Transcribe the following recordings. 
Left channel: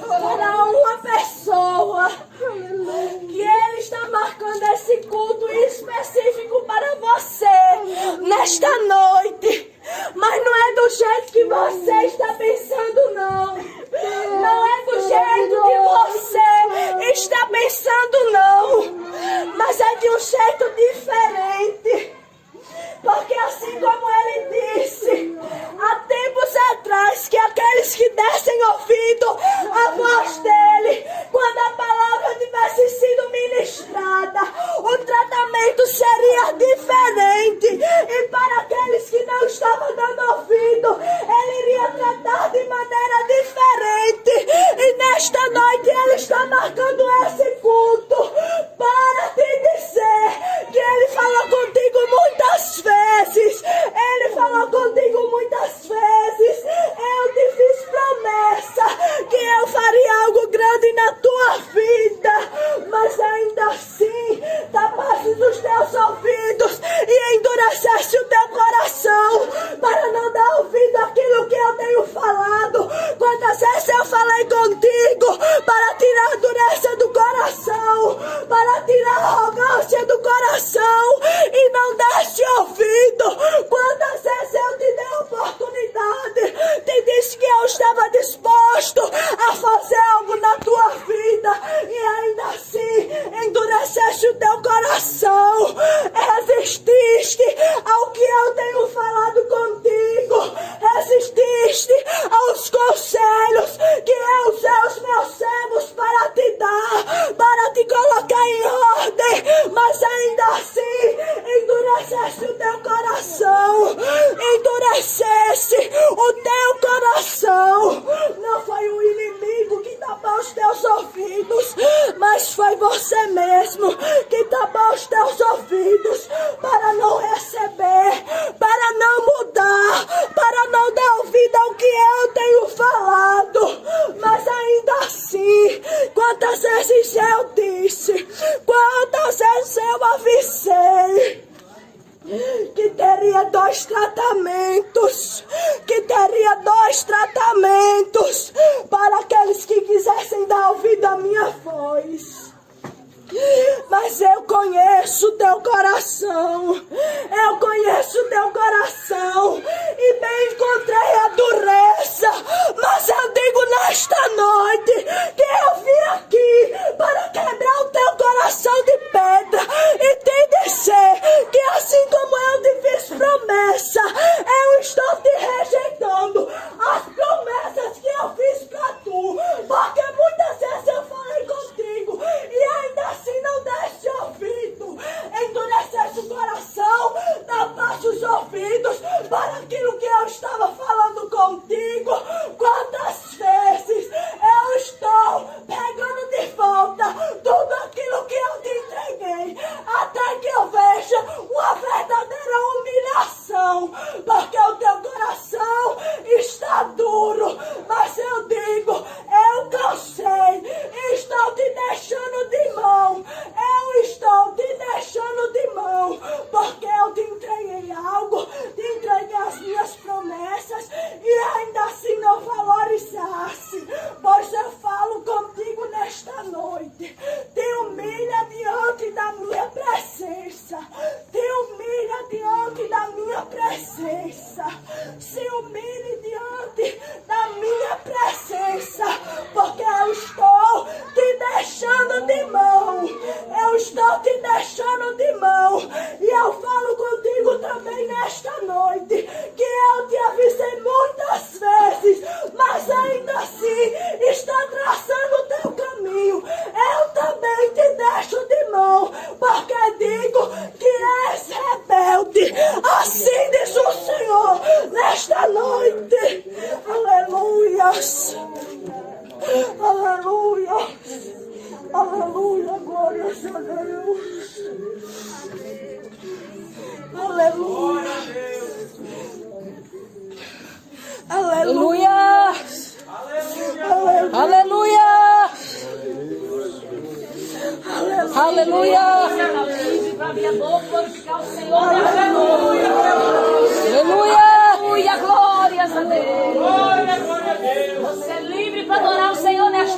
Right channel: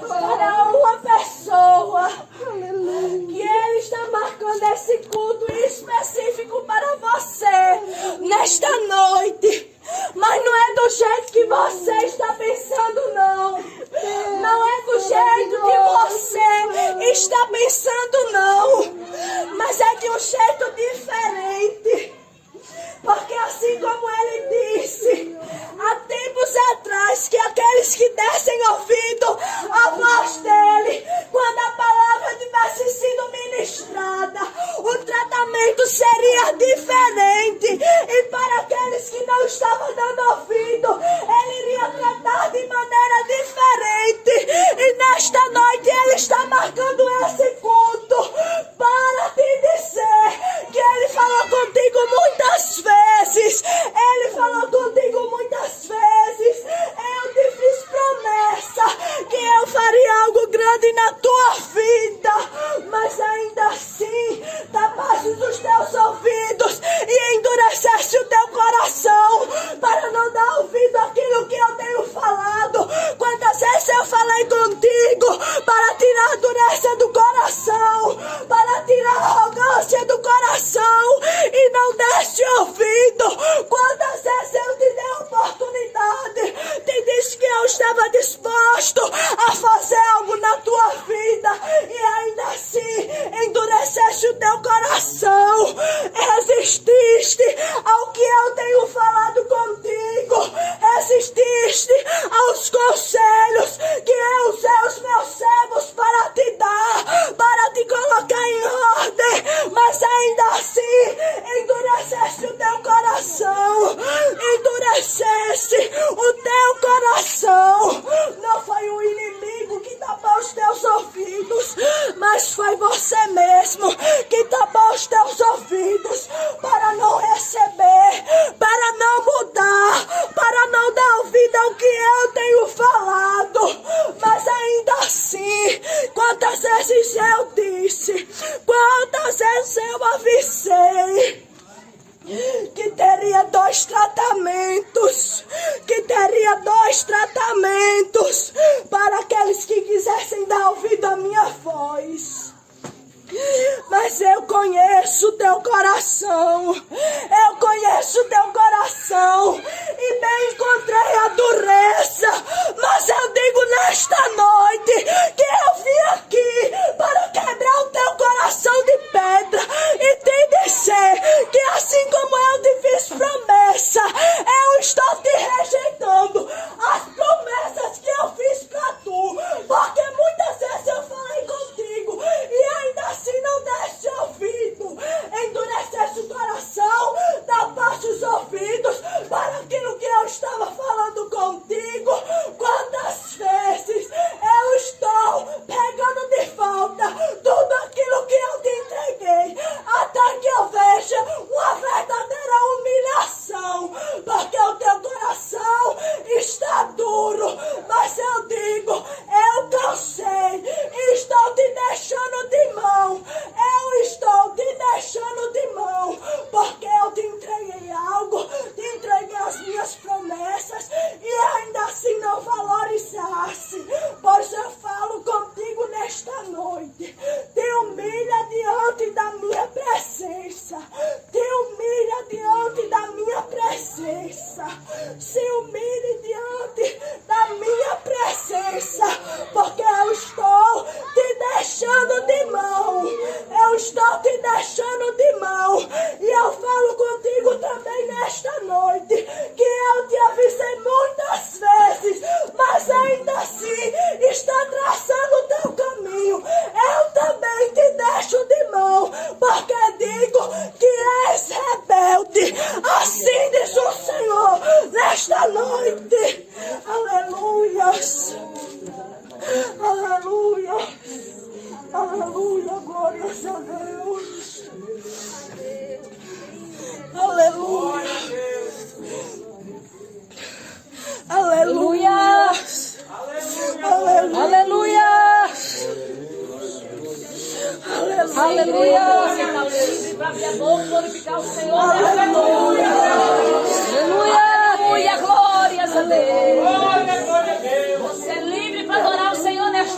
para uma pessoa que Ele está marcando esse culto específico para você nesta noite. Mas não é do jeito que você está pensando, não. Não é do jeito que você está pensando, não. Mas é de um jeito diferente. Porque assim como Ele disse há tempos atrás, que aqueles que dessem ouvido à voz dEle, quando a palavra tivesse sido ministrada, o tratamento seria diferente. E para aqueles que não estavam dando ouvido, Ele iria tratar de maneira diferente. E nesta noite Ele está marcando esse culto para te dizer que Ele falou contigo muitas vezes. Ele falou contigo muitas vezes. Eu te fiz promessa que eu faria algo grande na tua vida. Mas ainda assim, tapasses os teus ouvidos e endurecesse o teu coração para não dar ouvido àquilo que eu tenho falado. Quantas vezes eu falei contigo para tirar a dureza do coração, para tirar a arrogância do coração e não deste ouvido. Quantas vezes eu te dei a oportunidade, te disse que eu estava disposto a fazer algo na tua vida e ainda assim endureceste o teu coração, resististe ao que eu tenho falado contigo, resististe aos conselhos que eu usei os meus servos para te dar, para te colocar em ordem, mas ainda assim endureceste o teu coração, endureceste o teu coração. Não foi o inimigo que tapou os teus ouvidos, mas foi você mesmo que tapou os teus ouvidos para não receber, para não mudar, para não dar ouvido ao que eu tenho falado. Mas ainda assim, quantas vezes eu disse, quantas vezes eu avisei que teria dois tratamentos, para aqueles que quisessem dar ouvido à minha voz. Mas eu conheço o teu coração, e bem encontrei a dureza. Mas eu digo nesta noite que eu vim aqui para quebrar o teu coração de pedra e te dizer que assim como eu te fiz promessa, eu estou te rejeitando as promessas que eu fiz para tu, porque muitas vezes eu falei contigo e ainda assim não deste ouvido, endureceste o coração, tapaste os ouvidos para aquilo que eu estava falando contigo. Quantas vezes eu estou pegando de volta tudo aquilo que eu te entreguei, até que eu veja uma verdadeira humilhação, porque o teu coração está duro. Mas eu digo, eu cansei, estou te deixando de mão, porque eu te entreguei algo, te entreguei as minhas promessas e ainda assim não valorizasse. Pois eu falo contigo nesta noite, te humilha diante da minha presença, se humilhe diante da minha presença, porque eu estou te deixando de mão, e eu falo contigo também nesta noite, que eu te avisei muitas vezes, mas ainda assim está traçando o teu caminho. Eu também te deixo de mão, porque digo que és rebelde. Assim diz o Senhor nesta noite. Aleluias. Aleluia. Aleluia. Glórias a Deus. Aleluia. Aleluia. Aleluia. Aleluia. Aleluia. Para minha boca glorificar o Senhor. Aleluia. Aleluia. Glórias a Deus. Você é livre para adorar o Senhor nesta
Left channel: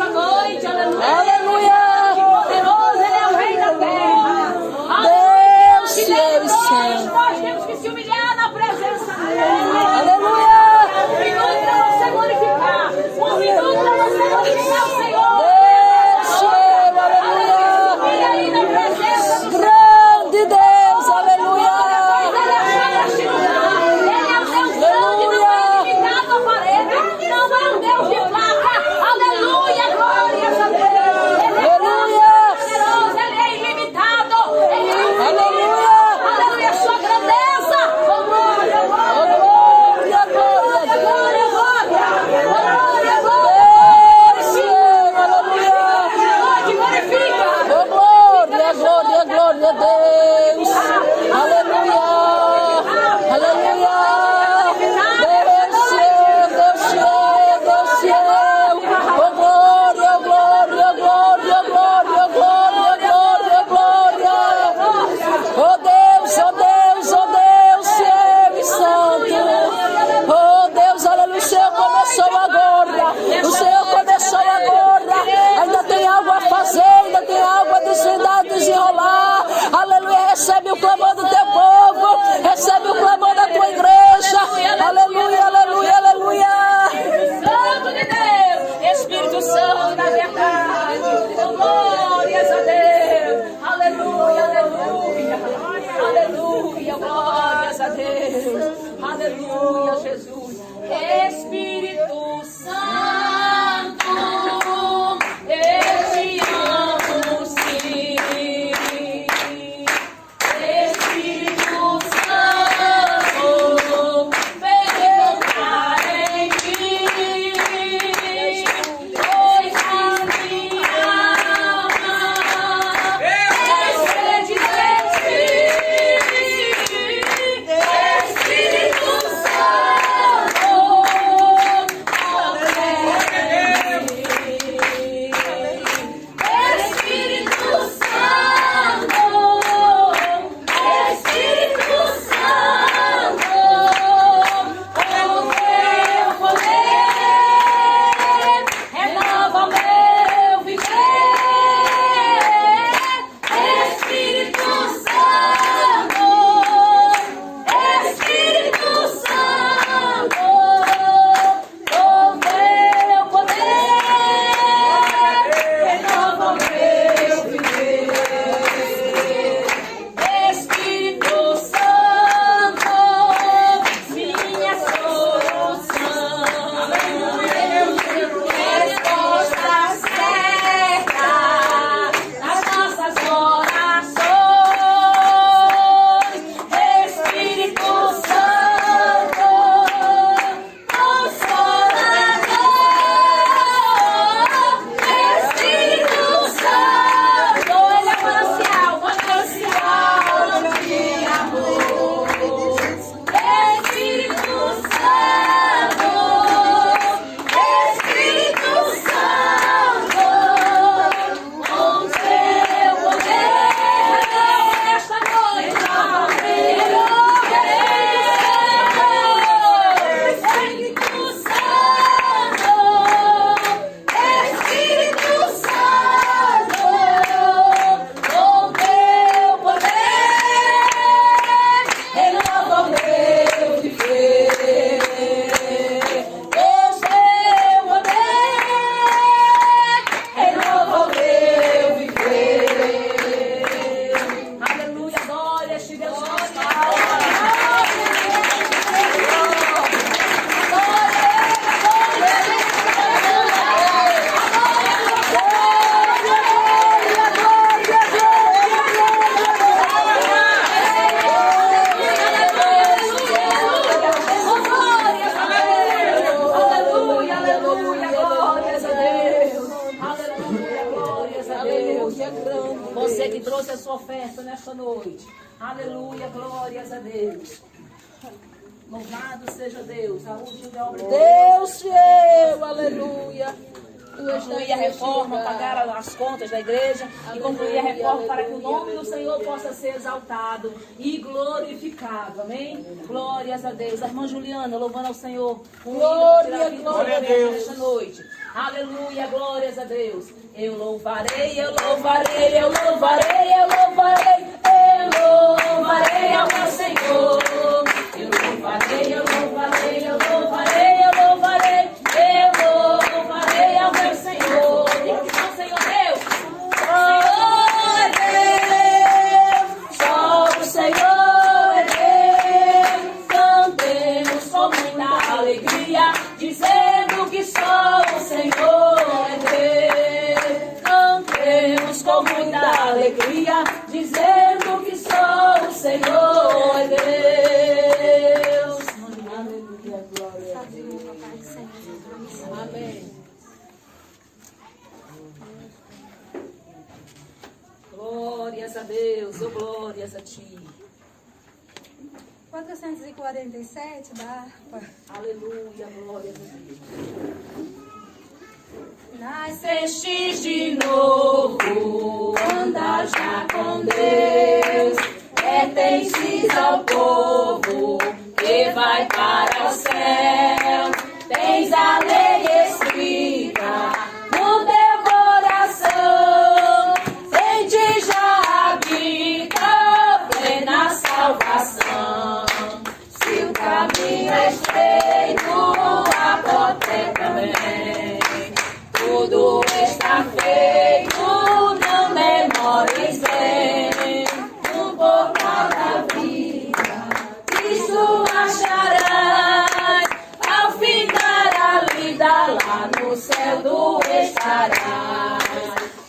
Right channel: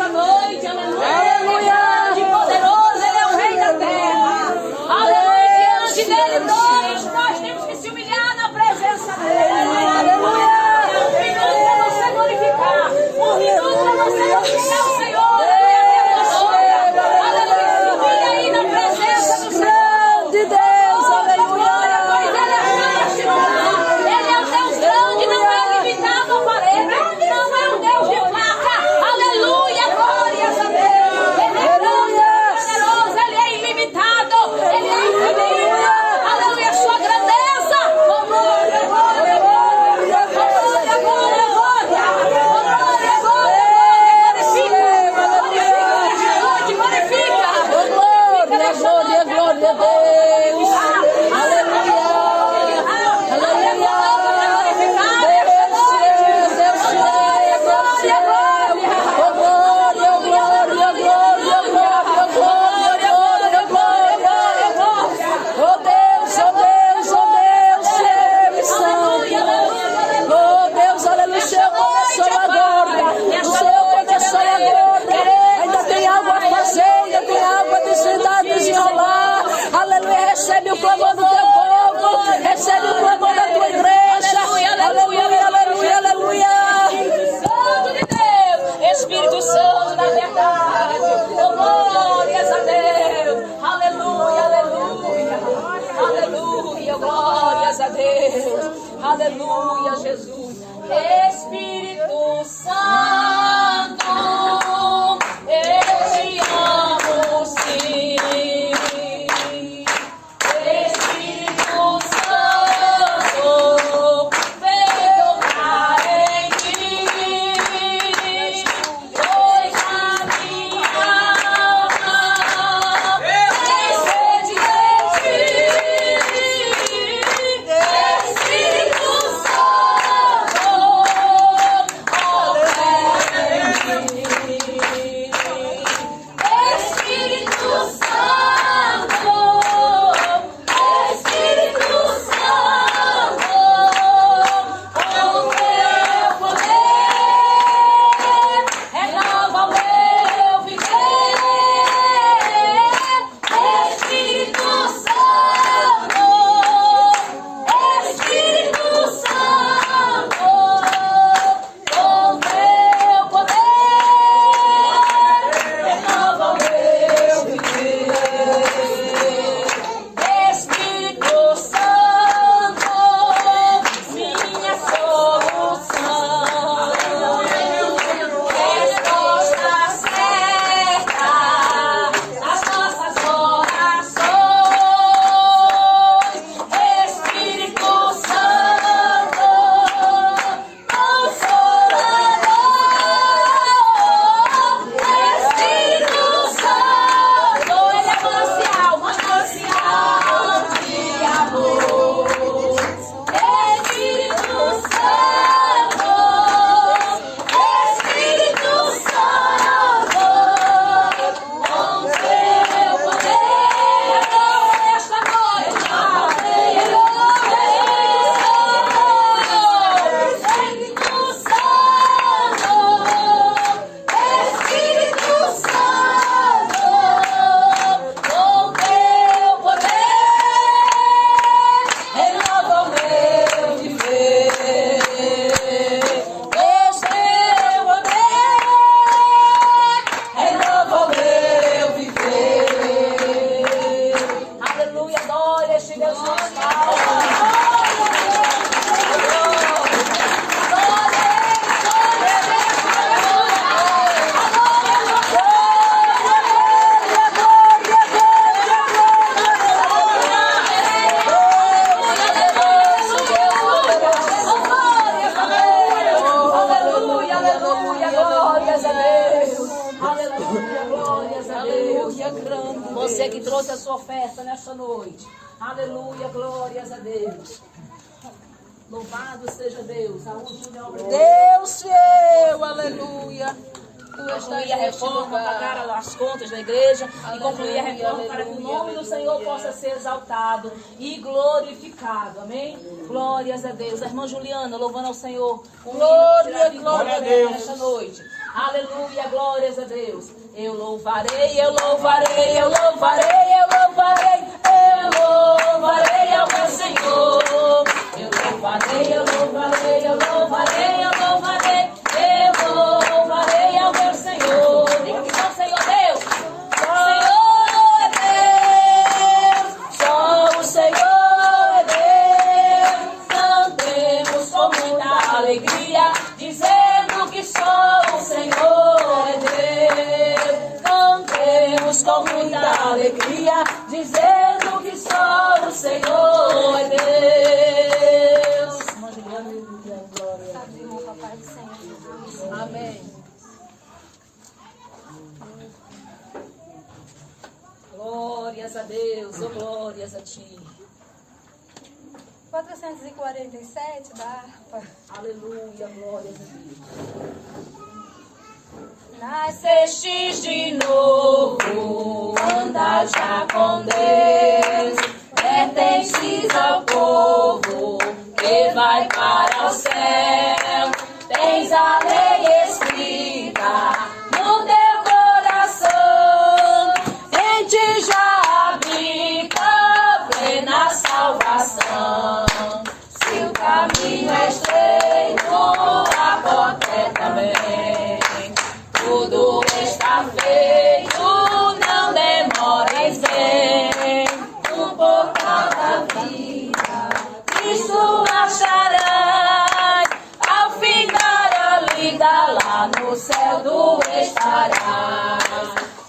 Aleluia, Jesus. Espírito Santo, eu te amo, sim. Espírito Santo, vem tocar em mim, pois a minha alma tem sede de ti. Espírito Santo, Espírito Santo, Espírito Santo, com o teu poder, renova o meu viver. Espírito Santo, Espírito Santo, com o teu poder, renova o meu viver. Espírito Santo, minha solução, resposta certa nas nossas orações. Espírito Santo, Consolador. Espírito Santo, ele é manancial de amor. Espírito Santo, Espírito Santo, com o teu poder, esta noite Espírito Santo, Espírito Santo, com o teu poder, renova o meu viver. O teu poder, renova o meu viver. Aleluia, glória a ti, Deus nosso Pai. Aleluia, aleluia, glórias a Deus. Aleluia, glórias a Deus. Você que trouxe a sua oferta nesta noite. Aleluia, glórias a Deus. Louvado seja Deus. A última obra de Deus fiel, aleluia. Tu estás concluir a neste reforma, lugar. pagar as contas da igreja e concluir a Aleluia, reforma para que o aleluia, nome do Senhor aleluia. possa ser exaltado e glorificado. Amém? Glórias a Deus. A irmã Juliana, louvando ao Senhor. Glória, glória a Deus. Nesta noite. Aleluia, glórias a Deus. Eu louvarei, eu louvarei, eu louvarei, eu louvarei, eu louvarei ao meu Senhor. Eu louvarei, eu louvarei, eu louvarei, eu louvarei, eu louvarei ao meu Senhor. Diga que só o Senhor Deus. Senhor é Deus, só o Senhor é Deus. Cantemos com muita alegria, dizendo que só o Senhor é Deus. Cantemos com muita alegria, dizendo que só o Senhor é Deus. Aleluia, glória a Deus. Amém. Glórias a Deus, oh glórias a ti. 447 da harpa. Aleluia, glórias a Deus. Nasceste de novo, anda já com Deus, pertences ao povo que vai para o céu. Tens a lei escrita no teu coração, em ti já habita plena salvação. Se o caminho é estreito, a porta é também. Tudo está feito, não demores em o portal da vida. Cristo achará vida lá no céu tu estarás.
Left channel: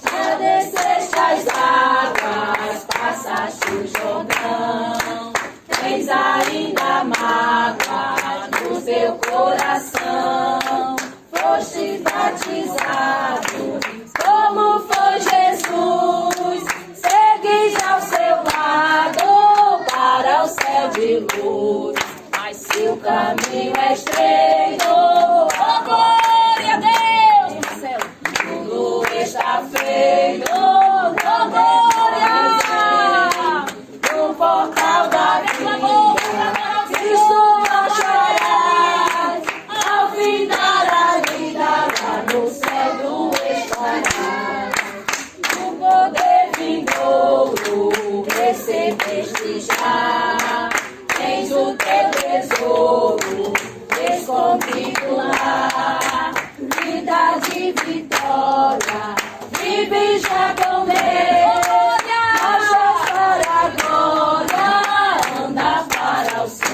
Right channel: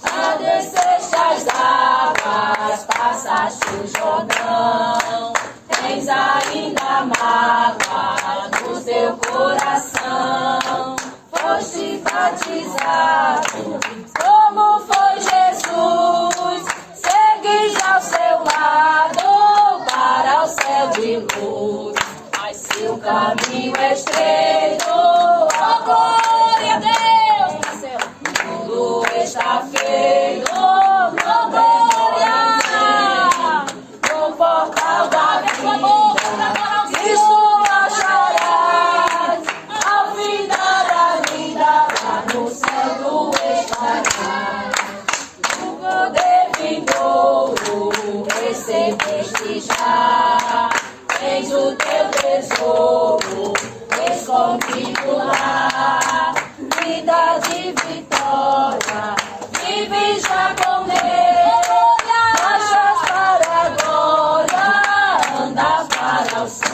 Já desceste as águas, passaste o Jordão, tens ainda mágoa no teu coração. Foste batizado, como foi Jesus, segues ao seu lado para o céu de luz. Mas se o caminho é estreito, oh glória a Deus, tudo está feito, oh glória, no portal da vida, Cristo acharás, ao final da vida, lá no céu tu estarás. O poder vindouro recebeste já, tens o teu tesouro escondido lá, vida de vitória, vive já com Deus, marchas para a glória, anda para o céu.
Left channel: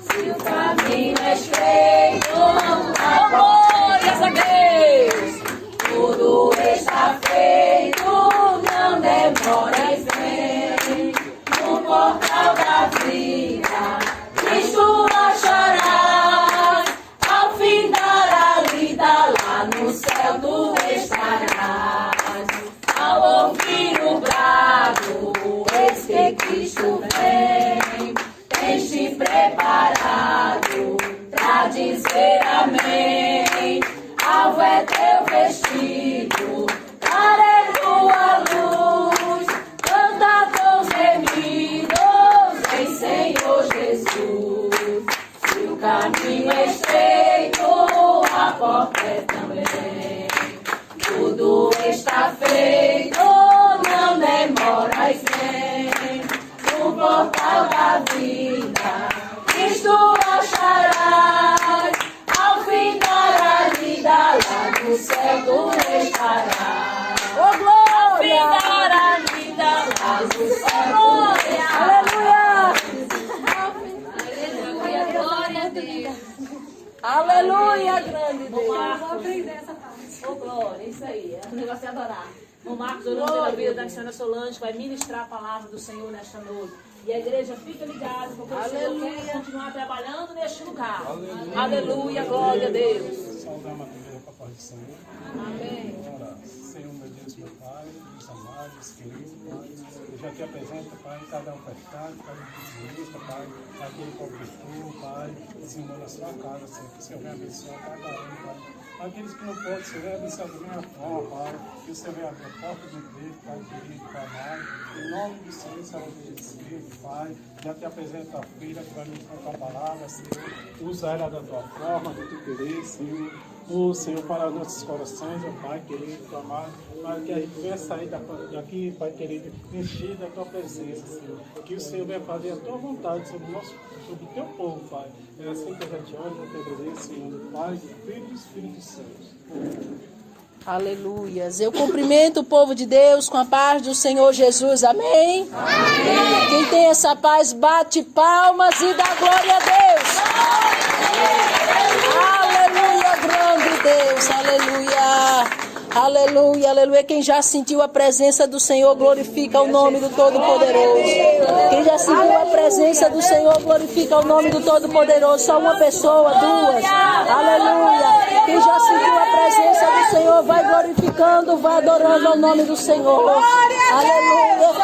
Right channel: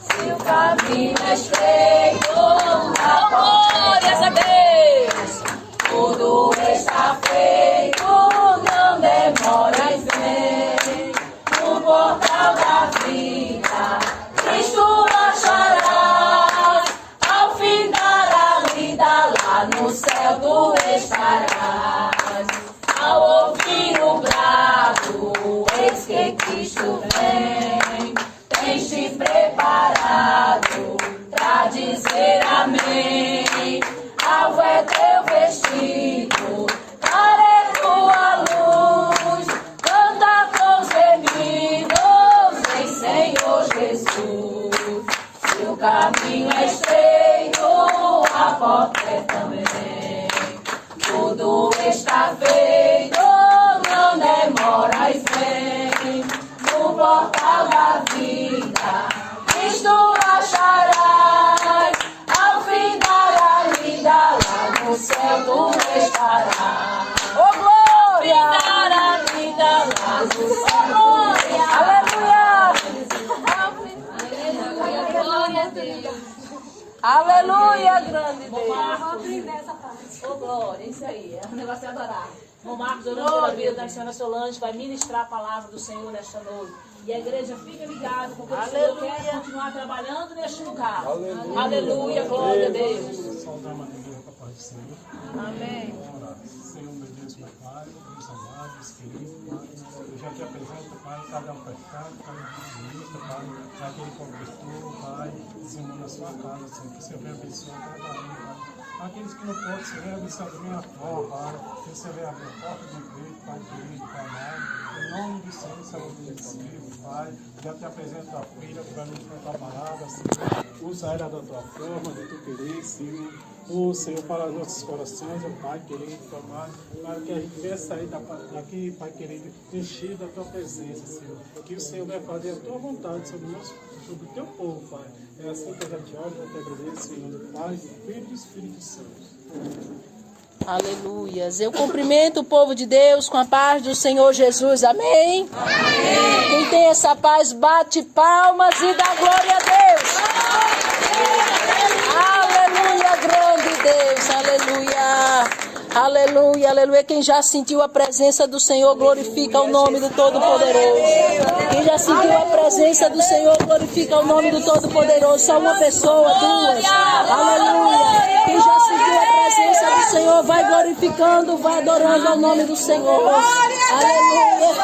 Se o caminho é estreito, glórias a Deus, tudo está feito, não demora e vem, no portal da vida, Cristo acharás, ao fim da vida, lá no céu tu estarás. Ao ouvir o brado, eis que Cristo vem, tens te preparado pra dizer amém. Alvo é teu vestido, para é tua luz, canta com gemidos em Senhor Jesus. Se o caminho é estreito, a porta é também. Tudo está feito, não demoras, vem. No portal da vida, Cristo acharás, ao fim da vida, lá no céu tu estarás. Oh glória! Ao fim da vida, lá no céu tu estarás. Aleluia! Glória a Deus! Aleluia, grande Deus! Vou aprender essa parte. Oh glória, isso aí, o negócio é adorar. O Marcos, orando pela vida da Sandra Solange, vai ministrar a palavra do Senhor nesta noite. E a igreja fica ligada, porque o Senhor quer continuar trabalhando neste lugar. Aleluia, glória a Deus. Saudamos a igreja com a paz do Senhor. Amém. Vamos orar. Senhor, meu Deus, meu Pai, meus amados, queridos, Pai, eu já te apresento, Pai, cada um pecado, cada um Pai, aquele cobertor, Pai, Senhor, na sua casa, Senhor, que o Senhor venha abençoar cada um, Pai. Aqueles que não podem, Senhor, abençoar da minha forma, Pai, que o Senhor venha abrir a porta de emprego, Pai, querido, Pai, amado, em nome do Senhor, saúde de Espírito, Pai, já te apresento a filha para ministrar a tua palavra, Senhor, usa ela da tua forma, de tu querer, Senhor. O Senhor para nossos corações, ó Pai querido, Pai amado, para que a gente venha sair daqui, Pai querido, encher da tua presença, Senhor. Que o Senhor vai fazer a tua vontade sobre o teu povo, Pai. É assim que eu já te oro, eu te agradeço, Senhor, do Pai, do Filho e do Espírito Santo. Aleluias. Eu cumprimento o povo de Deus com a paz do Senhor Jesus. Amém? Amém. Quem tem essa paz, bate palmas e dá glória a Deus. Aleluia, grande Deus. Aleluia. Aleluia, aleluia. Quem já sentiu a presença do Senhor, glorifica o nome do Todo-Poderoso. Quem já sentiu a presença do Senhor, glorifica o nome do Todo-Poderoso. Só uma pessoa, duas. Aleluia. Quem já sentiu a presença do Senhor, vai glorificando, vai adorando ao nome do Senhor. Aleluia. É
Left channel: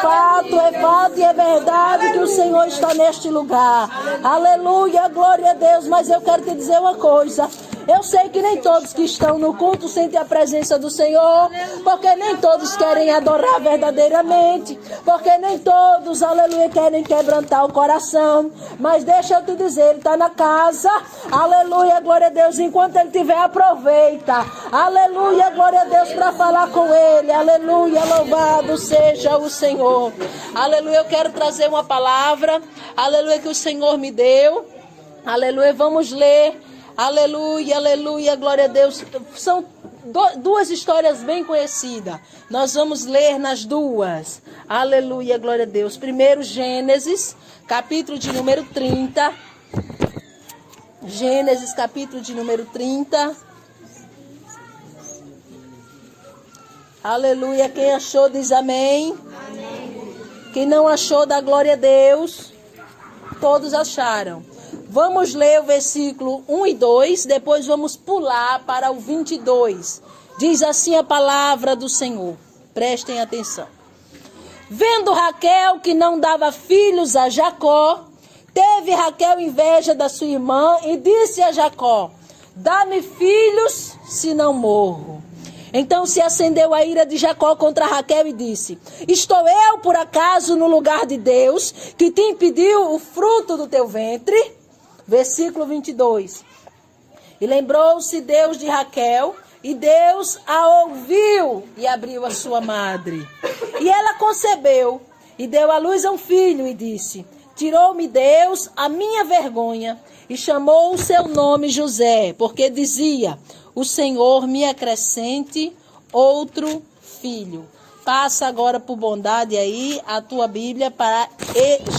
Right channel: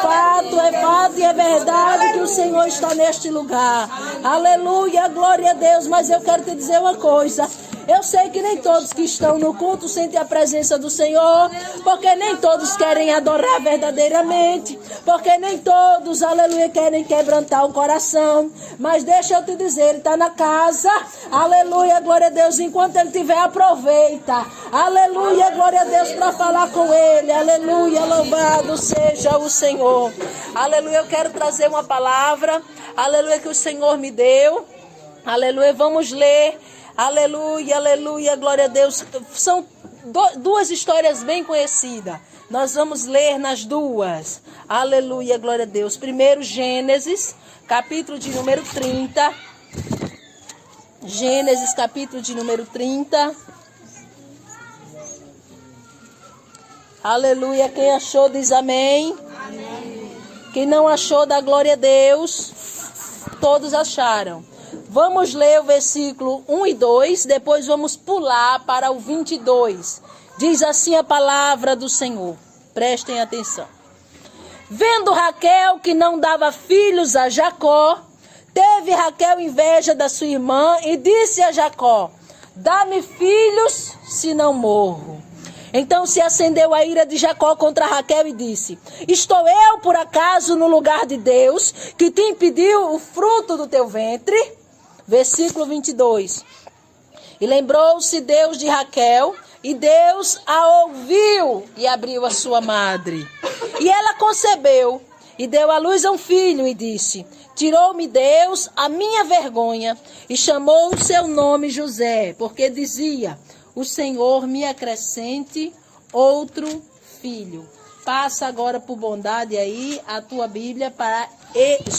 fato e é verdade que o Senhor está neste lugar. Aleluia, glória a Deus. Mas eu quero te dizer uma coisa. Eu sei que nem todos que estão no culto sentem a presença do Senhor, porque nem todos querem adorar verdadeiramente, porque nem todos, aleluia, querem quebrantar o coração. Mas deixa eu te dizer, Ele está na casa, aleluia, glória a Deus, enquanto Ele estiver, aproveita, aleluia, glória a Deus, para falar com Ele, aleluia, louvado seja o Senhor. Aleluia, eu quero trazer uma palavra, aleluia, que o Senhor me deu, aleluia, vamos ler. Aleluia, aleluia, glória a Deus. São duas histórias bem conhecidas. Nós vamos ler nas duas. Aleluia, glória a Deus. Primeiro, Gênesis, capítulo de número 30. Gênesis, capítulo de número 30. Aleluia. Quem achou diz amém. Amém. Quem não achou dá glória a Deus. Todos acharam. Vamos ler o versículo 1 e 2. Depois vamos pular para o 22. Diz assim a palavra do Senhor. Prestem atenção. Vendo Raquel que não dava filhos a Jacó, teve Raquel inveja da sua irmã e disse a Jacó: dá-me filhos, se não morro. Então se acendeu a ira de Jacó contra Raquel e disse: estou eu, por acaso, no lugar de Deus, que te impediu o fruto do teu ventre? Versículo 22. E lembrou-se Deus de Raquel, e Deus a ouviu e abriu a sua madre. E ela concebeu, e deu à luz a um filho, e disse: tirou-me Deus a minha vergonha, e chamou o seu nome José, porque dizia: o Senhor me acrescente outro filho. Passa agora por bondade aí a tua Bíblia para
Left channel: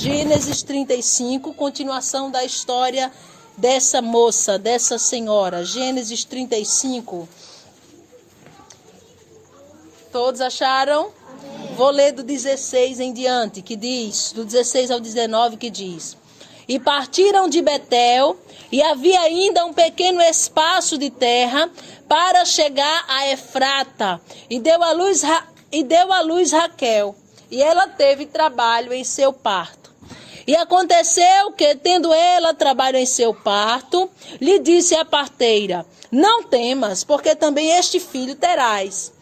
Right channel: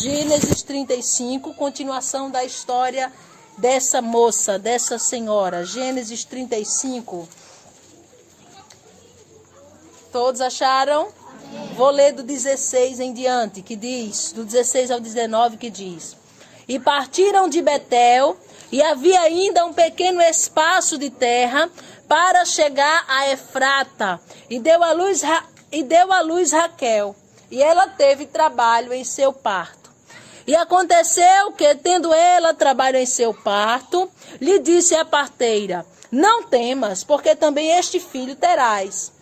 Gênesis 35, continuação da história dessa moça, dessa senhora. Gênesis 35. Todos acharam? Amém. Vou ler do 16 em diante, que diz, do 16 ao 19, que diz: e partiram de Betel, e havia ainda um pequeno espaço de terra para chegar a Efrata, e deu à luz Raquel, e ela teve trabalho em seu parto. E aconteceu que, tendo ela trabalho em seu parto, lhe disse a parteira: não temas, porque também este filho terás.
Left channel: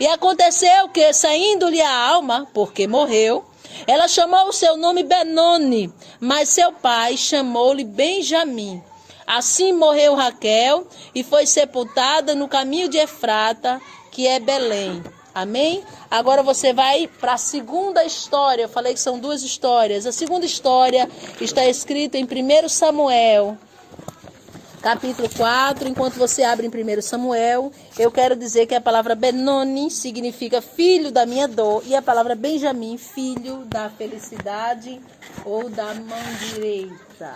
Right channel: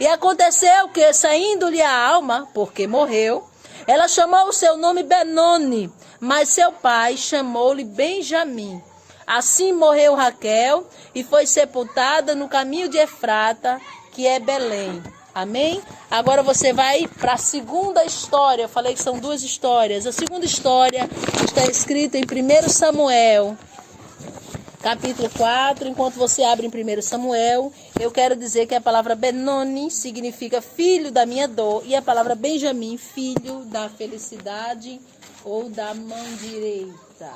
E aconteceu que, saindo-lhe a alma, porque morreu, ela chamou o seu nome Benoni, mas seu pai chamou-lhe Benjamim. Assim morreu Raquel e foi sepultada no caminho de Efrata, que é Belém. Amém? Agora você vai para a segunda história. Eu falei que são duas histórias. A segunda história está escrita em 1 Samuel, capítulo 4. Enquanto você abre em 1 Samuel, eu quero dizer que a palavra Benoni significa filho da minha dor, e a palavra Benjamim, filho da felicidade ou da mão direita.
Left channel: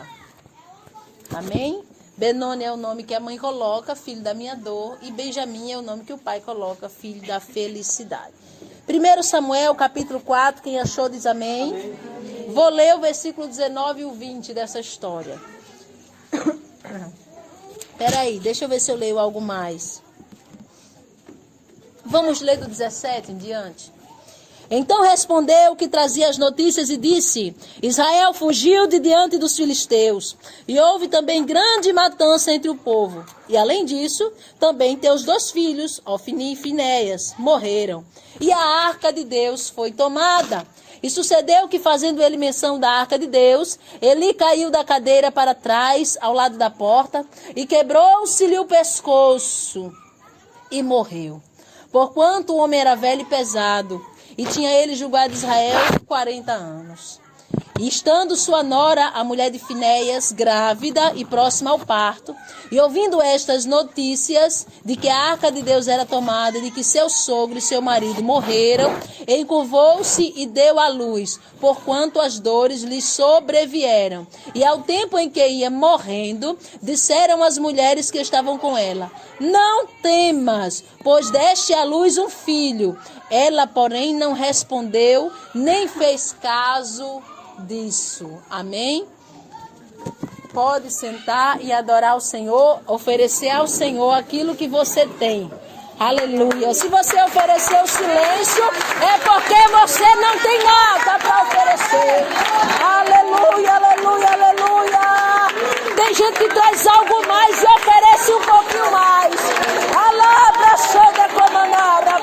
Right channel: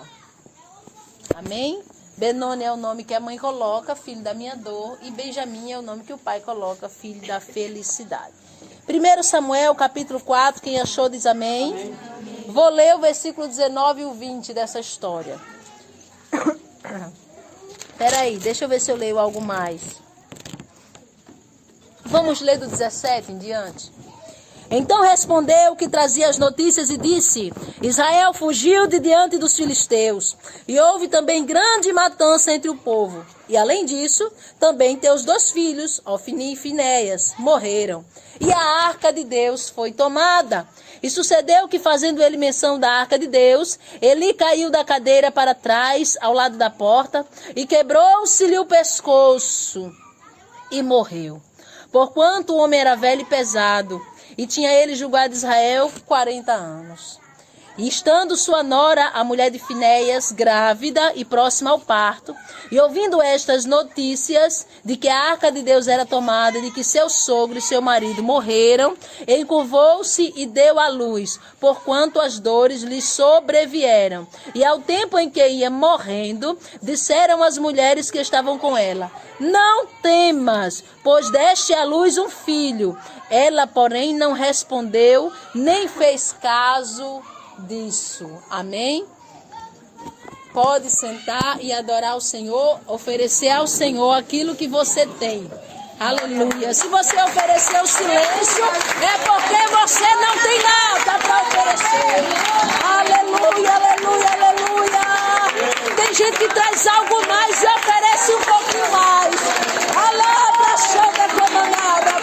Amém? Benoni é o nome que a mãe coloca, filho da minha dor, e Benjamim é o nome que o pai coloca, filho da felicidade. 1 Samuel, capítulo 4, quem achou diz amém. Vou ler o versículo 19 e o 20 dessa história. Peraí, deixa eu ver se eu leio algo mais. Vamos ler do 17 em diante. Então respondeu o que trazia as notícias e disse: Israel fugiu de diante dos filisteus, e houve também grande matança entre o povo. E além disso, também teus 2 filhos, Ofni e Finéias, morreram. E a arca de Deus foi tomada. E sucedeu que, fazendo ele menção da arca de Deus, Eli caiu da cadeira para trás, ao lado da porta, e quebrou-se-lhe o pescoço, e morreu. Porquanto o homem era velho e pesado, e tinha ele julgado Israel 40 anos. E estando sua nora, a mulher de Finéias, grávida e próxima ao parto, e ouvindo estas notícias de que a arca de Deus era tomada, de que seu sogro e seu marido morreram, encurvou-se e deu à luz, porquanto as dores lhe sobrevieram. E ao tempo em que ia morrendo, disseram as mulheres que estavam com ela: Não temas, pois deste à luz um filho. Ela, porém, não respondeu, nem fez caso disso. Amém? Pode sentar e adorar o Senhor, oferecer ao Senhor aquilo que você tem. Aleluia. Se você ofereceu silêncio, é porque você não tem nada para oferecer. Aleluia, aleluia, aleluia. Tem gente que traz algo mais e oferece um pouquinho mais. Alá, Santa comandada,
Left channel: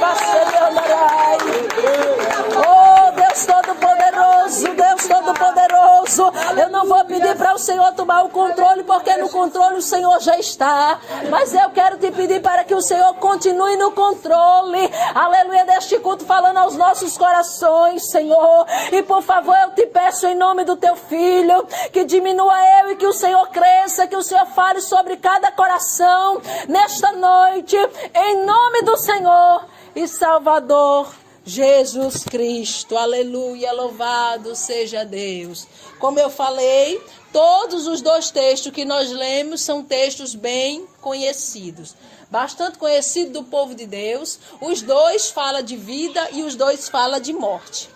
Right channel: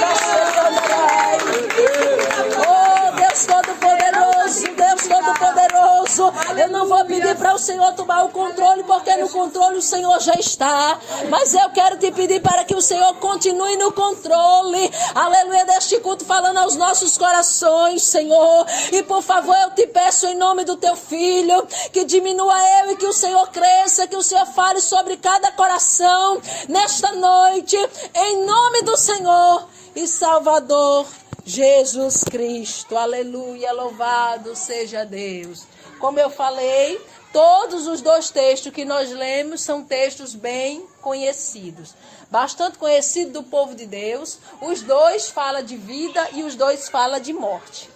oh, Deus Todo-Poderoso, Deus Todo-Poderoso. Eu não vou pedir para o Senhor tomar o controle, porque no controle o Senhor já está. Mas eu quero te pedir para que o Senhor continue no controle. Aleluia, deste culto, falando aos nossos corações, Senhor. E por favor, eu te peço em nome do teu Filho, que diminua eu e que o Senhor cresça, que o Senhor fale sobre cada coração nesta noite, em nome do Senhor e Salvador Jesus Cristo, aleluia, louvado seja Deus. Como eu falei, todos os 2 textos que nós lemos são textos bem conhecidos, bastante conhecidos do povo de Deus. Os 2 falam de vida e os 2 falam de morte.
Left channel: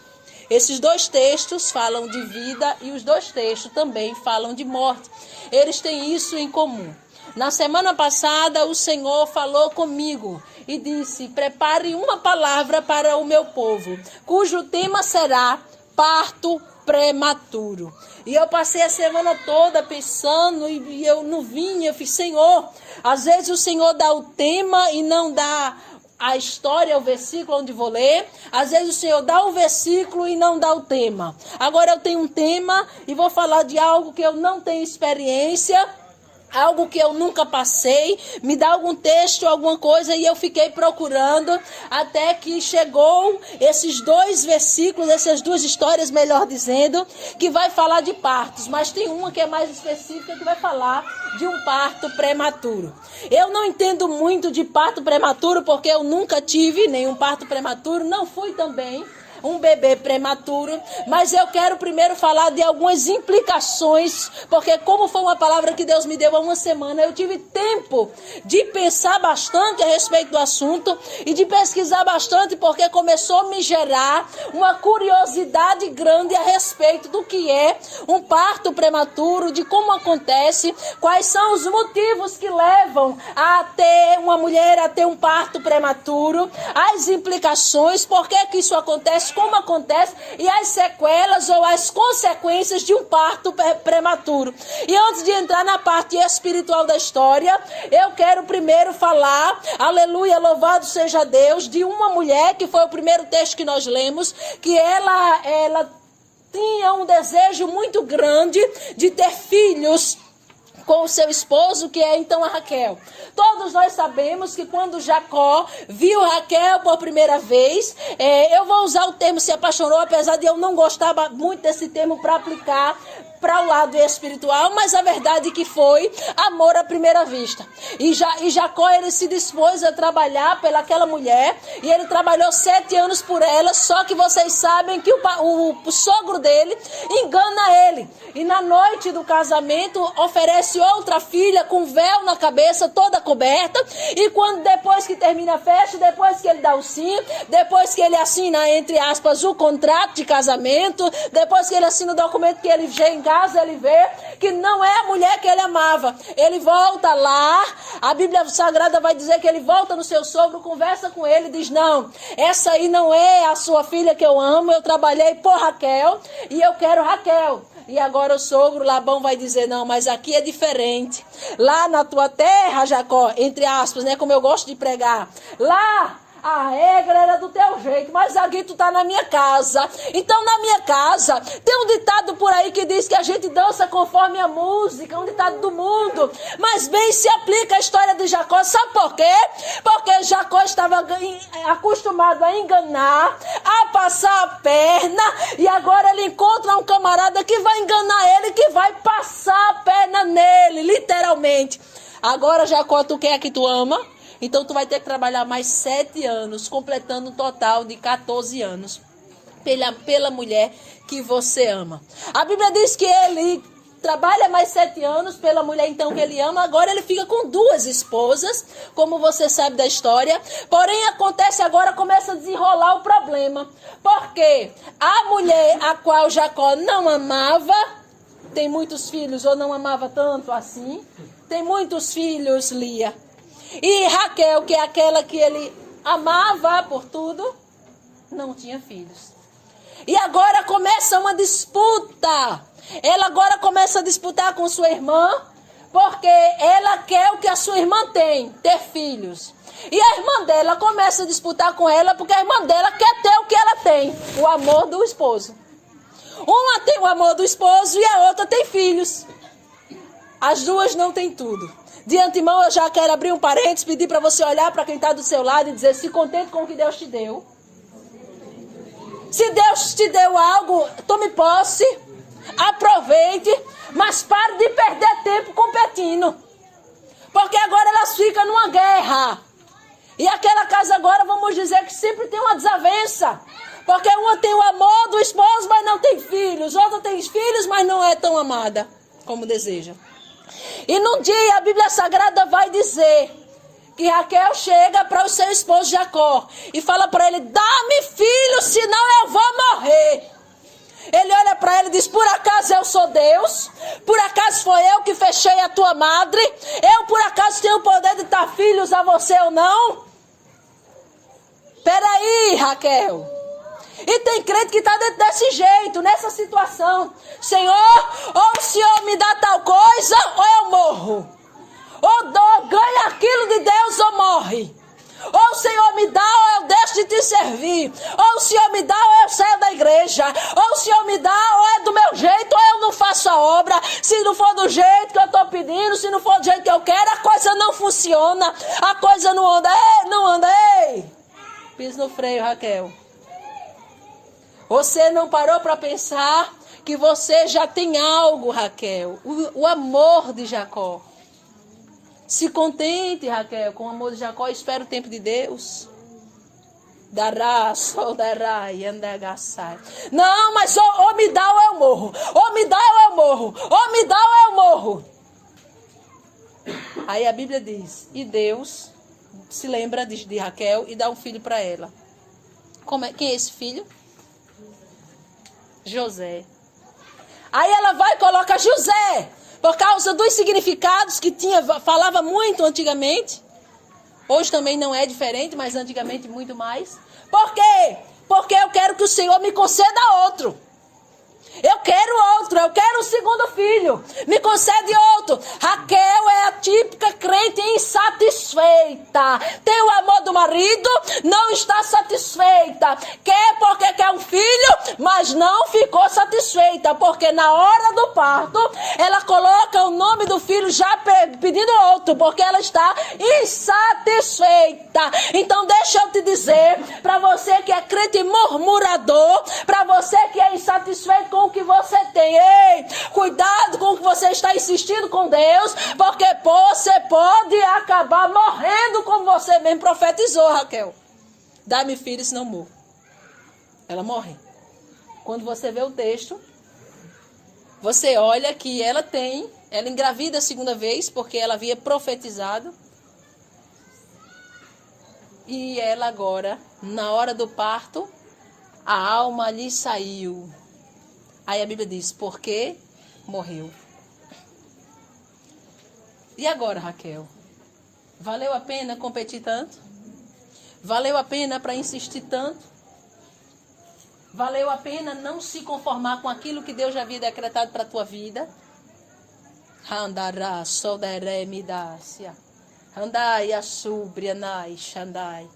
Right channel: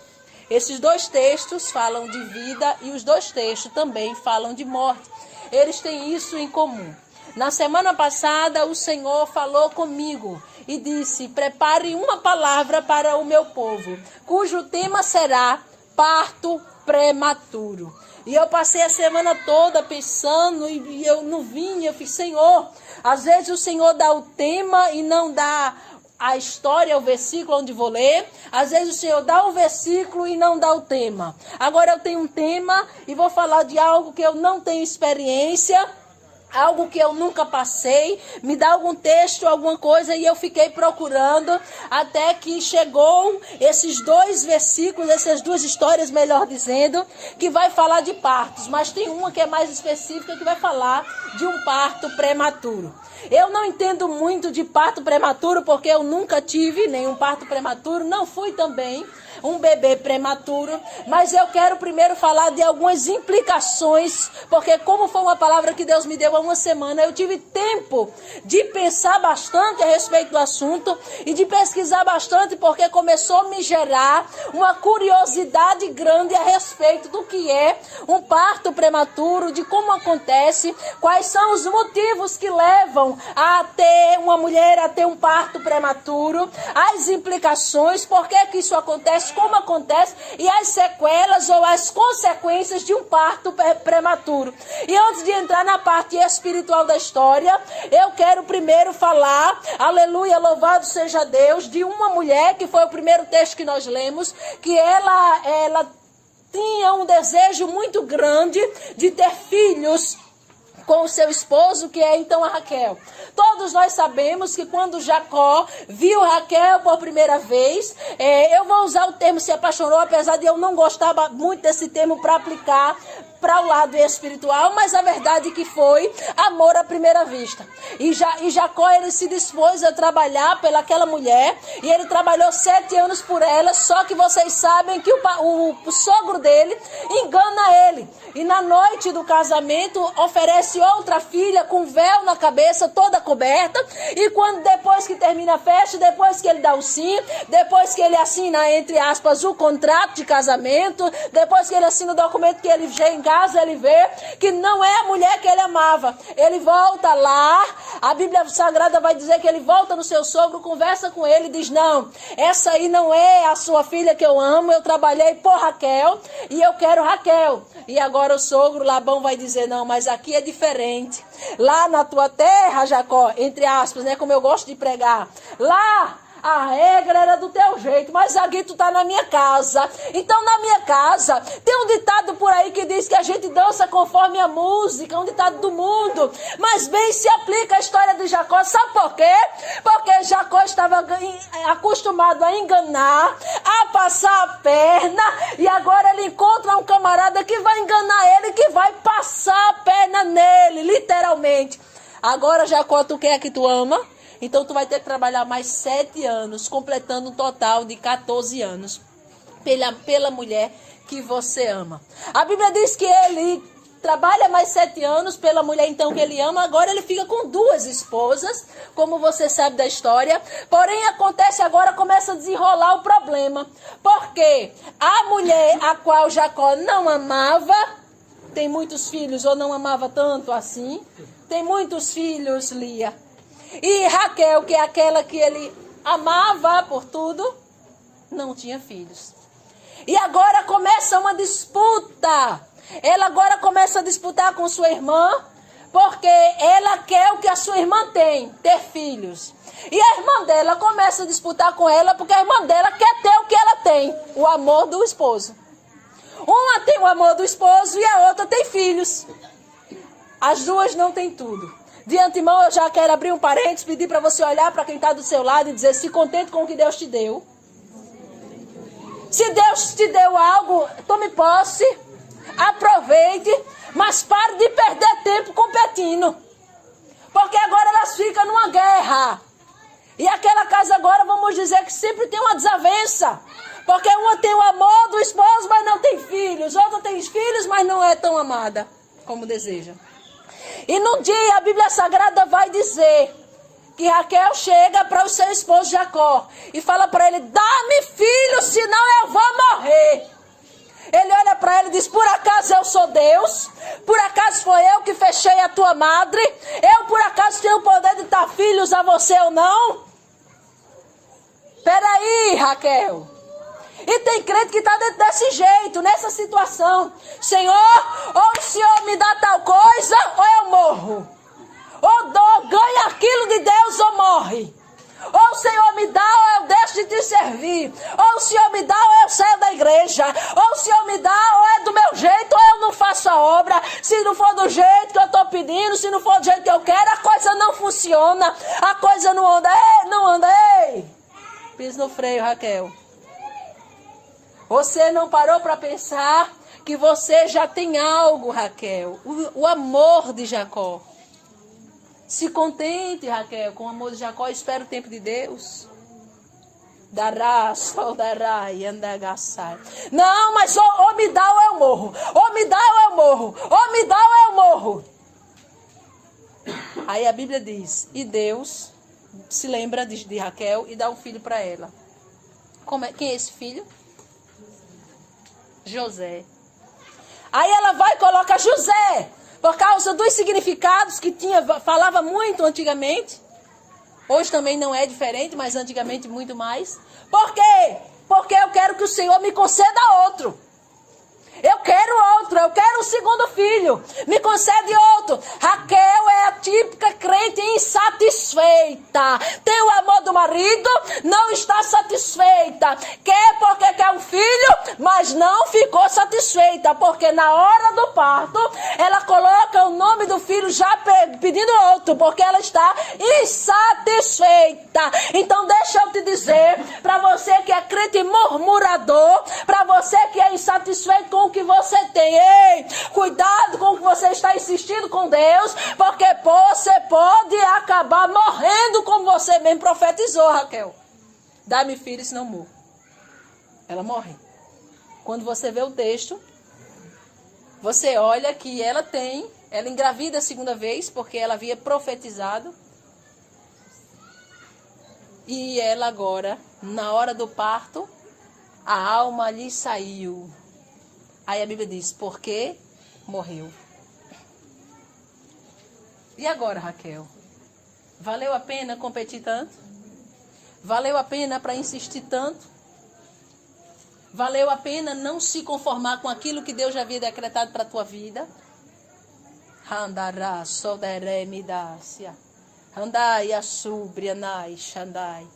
Esses 2 textos falam de vida e os 2 textos também falam de morte. Eles têm isso em comum. Na semana passada, o Senhor falou comigo e disse: prepare uma palavra para o meu povo, cujo tema será parto prematuro. E eu passei a semana toda pensando e eu não vinha, eu fiz: Senhor, às vezes o Senhor dá o tema e não dá a história, o versículo onde vou ler. Às vezes o Senhor dá o versículo e não dá o tema. Agora eu tenho um tema e vou falar de algo que eu não tenho experiência, algo que eu nunca passei. Me dá algum texto, alguma coisa, e eu fiquei procurando até que chegou esses 2 versículos, essas 2 histórias, melhor dizendo, que vai falar de partos, mas tem uma que é mais específica, que vai falar de um parto prematuro. Eu não entendo muito de parto prematuro, porque eu nunca tive nenhum parto prematuro, não fui também um bebê prematuro, mas eu quero primeiro falar de algumas implicações, porque como foi uma palavra que Deus me deu há uma semana, eu tive tempo de pensar bastante a respeito do assunto e de pesquisar bastante, porque começou a me gerar uma curiosidade grande a respeito do que é um parto prematuro, de como acontece, quais são os motivos que levam a ter uma mulher a ter um parto prematuro, as implicações, por que que isso acontece, como acontece, e as sequelas ou as consequências de um parto prematuro. E antes de entrar na parte espiritual da história, eu quero primeiro falar, aleluia, louvado seja Deus, de uma mulher, que foi o primeiro texto que nós lemos, que ela tinha um desejo muito grande de ter filhos com o seu esposo, que é então a Raquel. Todos nós sabemos que quando Jacó viu Raquel por primeira vez, eu vou usar o termo se apaixonou, apesar de eu não gostar muito desse termo para aplicar para o lado espiritual, mas a verdade é que foi amor à primeira vista. E Jacó, ele se dispôs a trabalhar pelaquela mulher, e ele trabalhou 7 anos por ela, só que vocês sabem que o sogro dele engana ele. E na noite do casamento oferece outra filha com véu na cabeça, toda coberta. E quando depois que termina a festa, depois que ele dá o sim, depois que ele assina, entre aspas, o contrato de casamento, depois que ele assina o documento, que ele chega em casa, ele vê que não é a mulher que ele amava. Ele volta lá, a Bíblia Sagrada vai dizer que ele volta no seu sogro, conversa com ele e diz: não, essa aí não é a sua filha que eu amo, eu trabalhei por Raquel e eu quero Raquel. E agora o sogro Labão vai dizer: não, mas aqui é diferente. Lá na tua terra, Jacó, entre aspas, né, como eu gosto de pregar, lá a regra era do teu jeito, mas aqui tu tá na minha casa. Então na minha casa tem um ditado por aí que diz que a gente dança conforme a música, um ditado do mundo, mas bem se aplica a história de Jacó. Sabe por quê? Porque Jacó estava acostumado a enganar, a passar a perna, e agora ele encontra um camarada que vai enganar ele, que vai passar a perna nele, literalmente. Agora, Jacó, tu quer que tu ama? Então tu vai ter que trabalhar mais 7 anos, completando um total de 14 anos pela mulher que você ama. A Bíblia diz que ele trabalha mais 7 anos pela mulher então que ele ama. Agora ele fica com 2 esposas, como você sabe da história. Porém acontece agora, começa a desenrolar o problema. Porque a mulher a qual Jacó não amava, tem muitos filhos ou não amava tanto assim. Tem muitos filhos, Lia. E Raquel, que é aquela que ele amava por tudo, não tinha filhos. E agora começa uma disputa. Ela agora começa a disputar com sua irmã, porque ela quer o que a sua irmã tem, ter filhos. E a irmã dela começa a disputar com ela, porque a irmã dela quer ter o que ela tem, o amor do esposo. Uma tem o amor do esposo e a outra tem filhos. As duas não têm tudo. De antemão, eu já quero abrir um parênteses, pedir para você olhar para quem está do seu lado e dizer: se contente com o que Deus te deu. Se Deus te deu algo, tome posse, aproveite, mas pare de perder tempo competindo. Porque agora elas ficam numa guerra. E aquela casa agora, vamos dizer que sempre tem uma desavença. Porque uma tem o amor do esposo, mas não tem filhos. Outra tem filhos, mas não é tão amada como deseja. E num dia a Bíblia Sagrada vai dizer que Raquel chega para o seu esposo Jacó e fala para ele: dá-me filho, senão eu vou morrer. Ele olha para ele e diz: por acaso eu sou Deus? Por acaso foi eu que fechei a tua madre? Eu por acaso tenho o poder de dar filhos a você ou não? Peraí, Raquel. E tem crente que está dentro desse jeito, nessa situação. Senhor, ou o Senhor me dá tal coisa, ou eu morro. Ou ganha aquilo de Deus ou morre. Ou o Senhor me dá, ou eu deixo de te servir. Ou o Senhor me dá, ou eu saio da igreja. Ou o Senhor me dá, ou é do meu jeito, ou eu não faço a obra. Se não for do jeito que eu estou pedindo, se não for do jeito que eu quero, a coisa não funciona. A coisa não anda. Ei, não anda, ei. Pisa no freio, Raquel. Você não parou para pensar que você já tem algo, Raquel. O amor de Jacó. Se contente, Raquel, com o amor de Jacó. Espera o tempo de Deus. Dará, só dará e andagaçai. Não, mas ou me dá ou eu morro. Ou me dá ou eu morro. Ou me dá ou eu morro. Aí a Bíblia diz: e Deus se lembra de Raquel e dá um filho para ela. Quem é esse filho? José. Aí ela vai e coloca José, por causa dos significados que falava muito antigamente. Hoje também não é diferente, mas antigamente muito mais. Por quê? Porque eu quero que o Senhor me conceda outro. Eu quero o segundo filho. Me concede outro. Raquel é a típica crente insatisfeita. Tem o amor do marido, não está satisfeita. Quer porque quer um filho, mas não ficou satisfeita. Porque na hora do parto, ela coloca o nome do filho já pedindo outro. Porque ela está insatisfeita. Então deixa eu te dizer, para você que é crente murmurador, para você que é insatisfeito com o que você tem, ei, cuidado com o que você está insistindo com Deus, porque você pode acabar morrendo, como você mesmo profetizou, Raquel. Dá-me filho, senão morro. Ela morre. Quando você vê o texto, você olha que ela engravida a segunda vez, porque ela havia profetizado. E ela agora, na hora do parto, a alma lhe saiu. Aí a Bíblia diz: porque morreu. E agora, Raquel? Valeu a pena competir tanto? Valeu a pena para insistir tanto? Valeu a pena não se conformar com aquilo que Deus já havia decretado para a tua vida? Handará, sodaré, midácia. Andai, assubri, anai, xandai.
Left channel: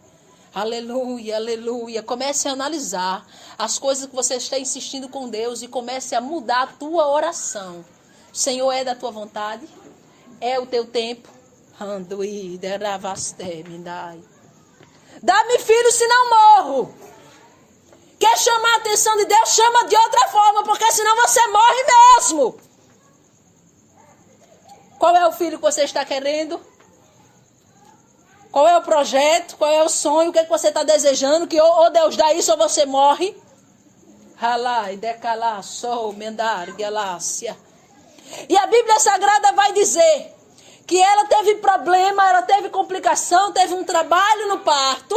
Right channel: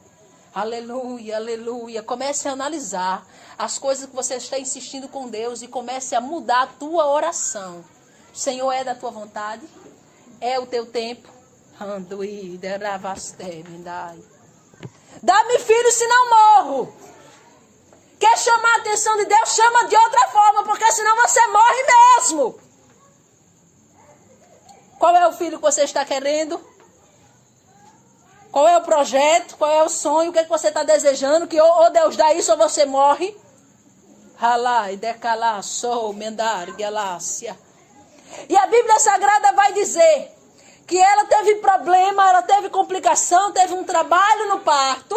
Aleluia, aleluia. Comece a analisar as coisas que você está insistindo com Deus e comece a mudar a tua oração. Senhor, é da tua vontade? É o teu tempo? Dá-me filho, senão morro. Quer chamar a atenção de Deus? Chama de outra forma, porque senão você morre mesmo. Qual é o filho que você está querendo? Qual é o projeto? Qual é o sonho? O que é que você está desejando? Que ou Deus dá isso ou você morre? Halai, decalá, sou, mendar, galácia. E a Bíblia Sagrada vai dizer que ela teve problema, ela teve complicação, teve um trabalho no parto.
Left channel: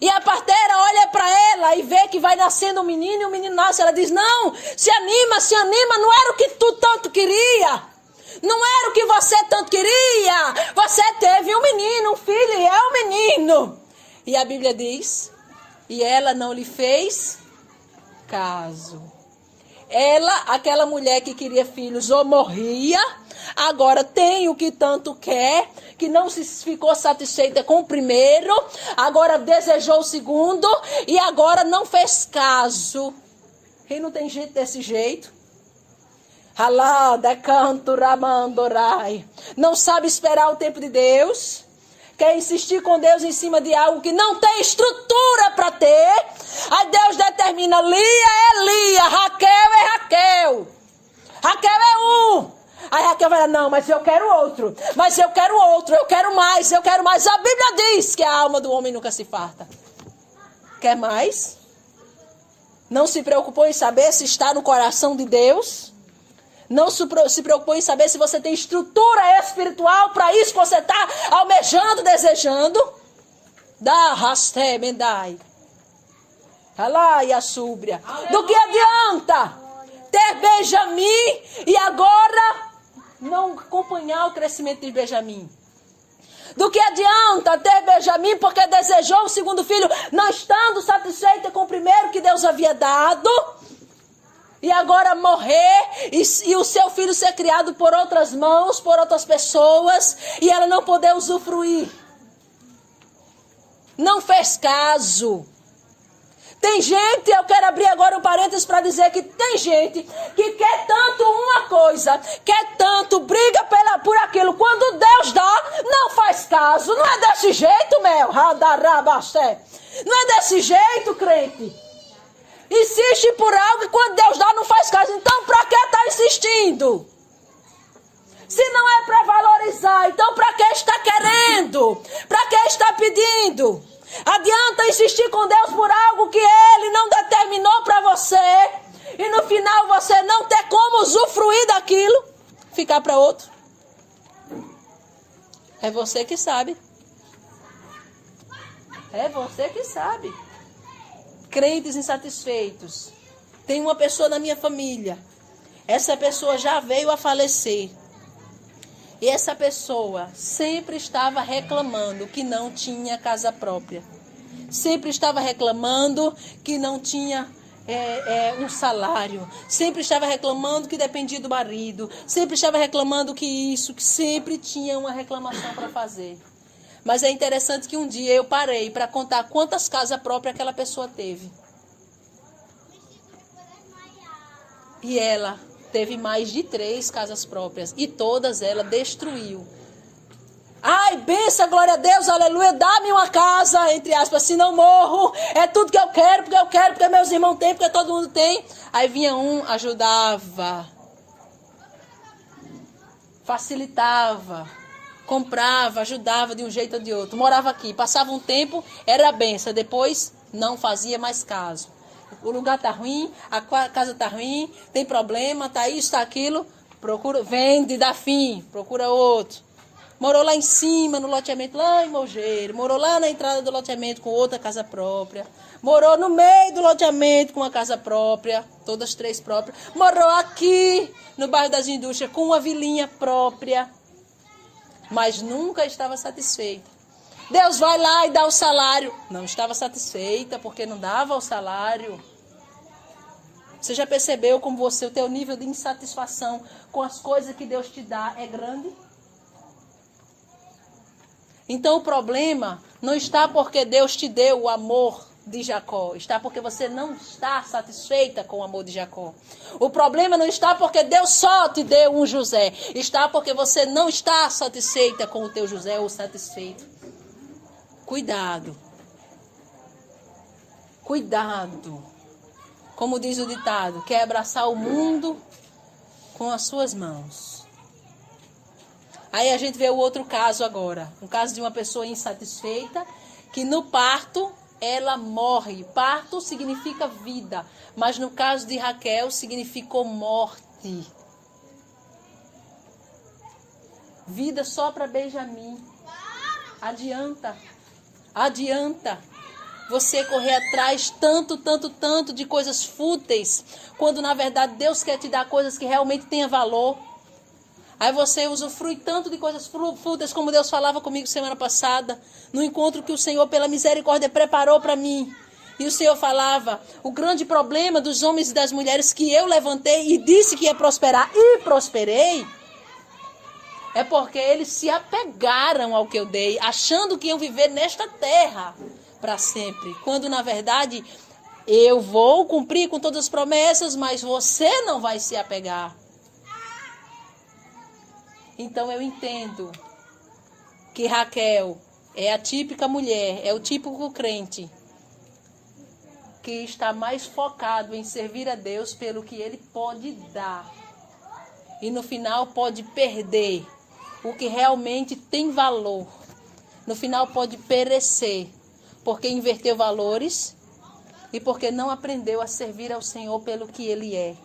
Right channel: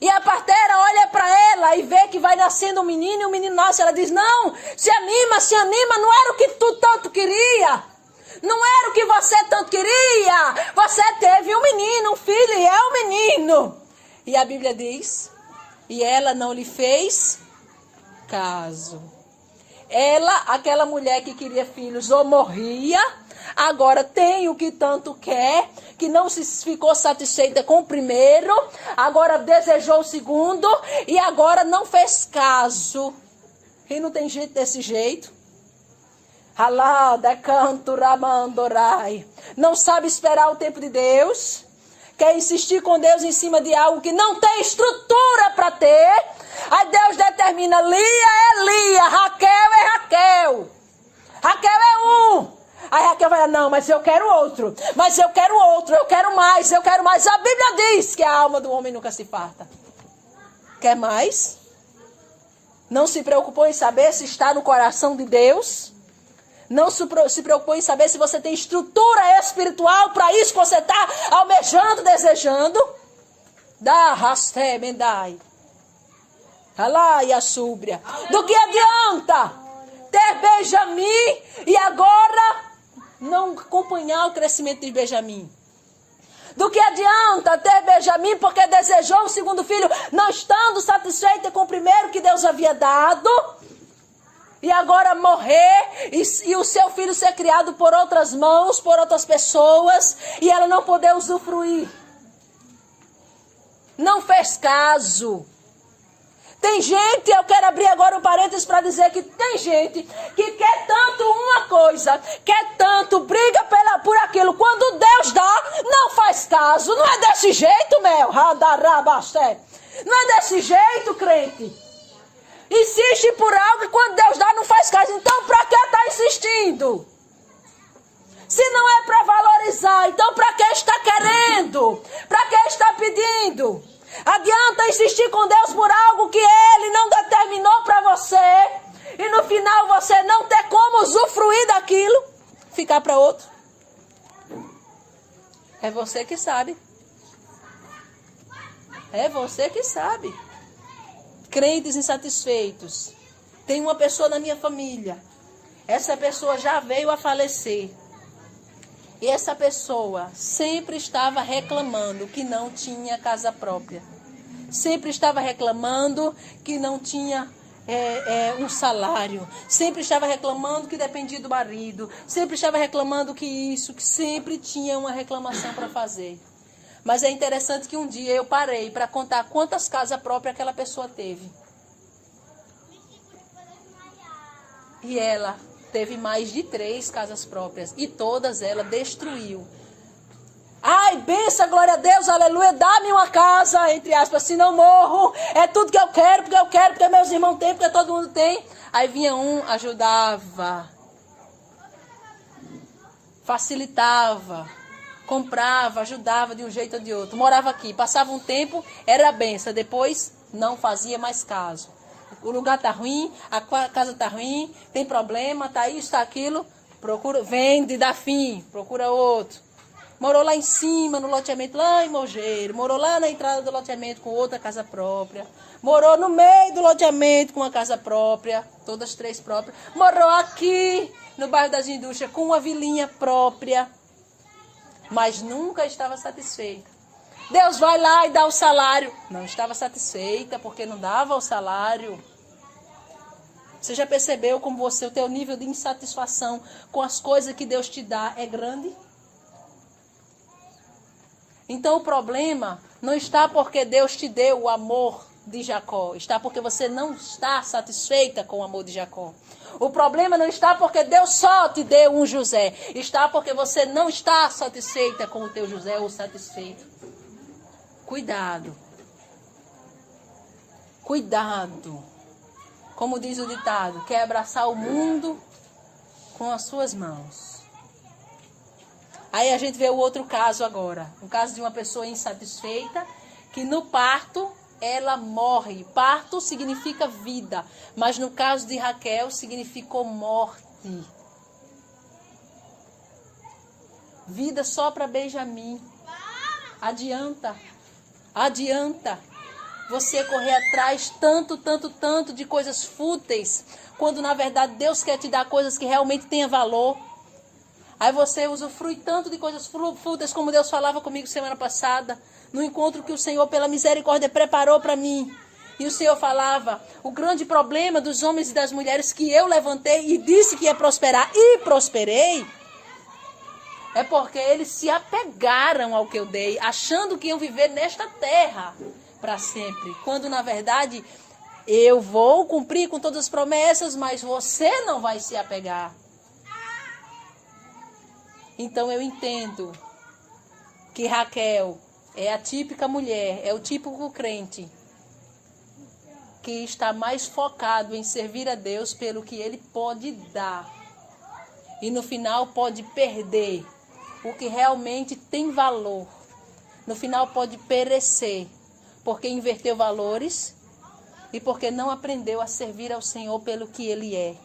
E a parteira olha para ela e vê que vai nascendo um menino e o menino nasce. Ela diz: não, se anima, não era o que tu tanto queria. Não era o que você tanto queria. Você teve um menino, um filho, e é um menino. E a Bíblia diz: e ela não lhe fez caso. Ela, aquela mulher que queria filhos, ou morria, agora tem o que tanto quer, que não se ficou satisfeita com o primeiro, agora desejou o segundo, e agora não fez caso. E não tem jeito desse jeito. Alada, canto, ramandorai. Não sabe esperar o tempo de Deus. Quer insistir com Deus em cima de algo que não tem estrutura para ter. Aí Deus determina: Lia é Lia, Raquel é Raquel. Raquel é um. Aí Raquel vai, não, mas eu quero outro. Mas eu quero outro, eu quero mais, eu quero mais. A Bíblia diz que a alma do homem nunca se farta. Quer mais? Não se preocupou em saber se está no coração de Deus? Não se preocupou em saber se você tem estrutura espiritual para isso que você está almejando, desejando? Dá, rasté, mendai. Alá e a súbria. Do que adianta ter Benjamim e agora não acompanhar o crescimento de Benjamim? Do que adianta ter Benjamim porque desejou o segundo filho, não estando satisfeita com o primeiro que Deus havia dado, e agora morrer e o seu filho ser criado por outras mãos, por outras pessoas, e ela não poder usufruir? Não fez caso. Tem gente, eu quero abrir agora um parênteses para dizer que tem gente que quer tanto uma coisa, quer tanto, briga por aquilo. Quando Deus dá, não faz caso. Não é desse jeito, Mel. Não é desse jeito, crente. Insiste por algo e quando Deus dá, não faz caso. Então, para que está insistindo? Se não é para valorizar, então para que está querendo? Para que está pedindo? Adianta insistir com Deus por algo que Ele não determinou para você e no final você não ter como usufruir daquilo, ficar para outro? É você que sabe. É você que sabe. Crentes insatisfeitos. Tem uma pessoa na minha família. Essa pessoa já veio a falecer. E essa pessoa sempre estava reclamando que não tinha casa própria. Sempre estava reclamando que não tinha um salário. Sempre estava reclamando que dependia do marido. Sempre estava reclamando que sempre tinha uma reclamação para fazer. Mas é interessante que um dia eu parei para contar quantas casas próprias aquela pessoa teve. E ela teve mais de 3 casas próprias. E todas ela destruiu. Ai, benção, glória a Deus, aleluia. Dá-me uma casa, entre aspas, se não morro. É tudo que eu quero, porque meus irmãos têm, porque todo mundo tem. Aí vinha um, ajudava. Facilitava. Comprava, ajudava de um jeito ou de outro. Morava aqui, passava um tempo, era benção. Depois, não fazia mais caso. O lugar tá ruim, a casa tá ruim, tem problema, tá isso, tá aquilo. Procura, vende, dá fim, procura outro. Morou lá em cima, no loteamento, lá em Mogeiro. Morou lá na entrada do loteamento com outra casa própria. Morou no meio do loteamento com uma casa própria, todas 3 próprias. Morou aqui, no bairro das Indústrias, com uma vilinha própria. Mas nunca estava satisfeita. Deus vai lá e dá o salário. Não estava satisfeita porque não dava o salário. Você já percebeu como o teu nível de insatisfação com as coisas que Deus te dá é grande? Então o problema não está porque Deus te deu o amor de Jacó. Está porque você não está satisfeita com o amor de Jacó. O problema não está porque Deus só te deu um José. Está porque você não está satisfeita com o teu José ou satisfeito. Cuidado. Cuidado. Como diz o ditado, quer abraçar o mundo com as suas mãos. Aí a gente vê o outro caso agora. Um caso de uma pessoa insatisfeita que no parto ela morre. Parto significa vida, mas no caso de Raquel significou morte. Vida só para Benjamim. Adianta você correr atrás tanto de coisas fúteis, quando na verdade Deus quer te dar coisas que realmente tenham valor. Aí você usufrui tanto de coisas fúteis, como Deus falava comigo semana passada, no encontro que o Senhor, pela misericórdia, preparou para mim. E o Senhor falava, o grande problema dos homens e das mulheres que eu levantei e disse que ia prosperar, e prosperei, é porque eles se apegaram ao que eu dei, achando que iam viver nesta terra para sempre. Quando, na verdade, eu vou cumprir com todas as promessas, mas você não vai se apegar. Então eu entendo que Raquel é a típica mulher, é o típico crente que está mais focado em servir a Deus pelo que ele pode dar E no final pode perder o que realmente tem valor. No final pode perecer, porque inverteu valores e porque não aprendeu a servir ao Senhor pelo que Ele é.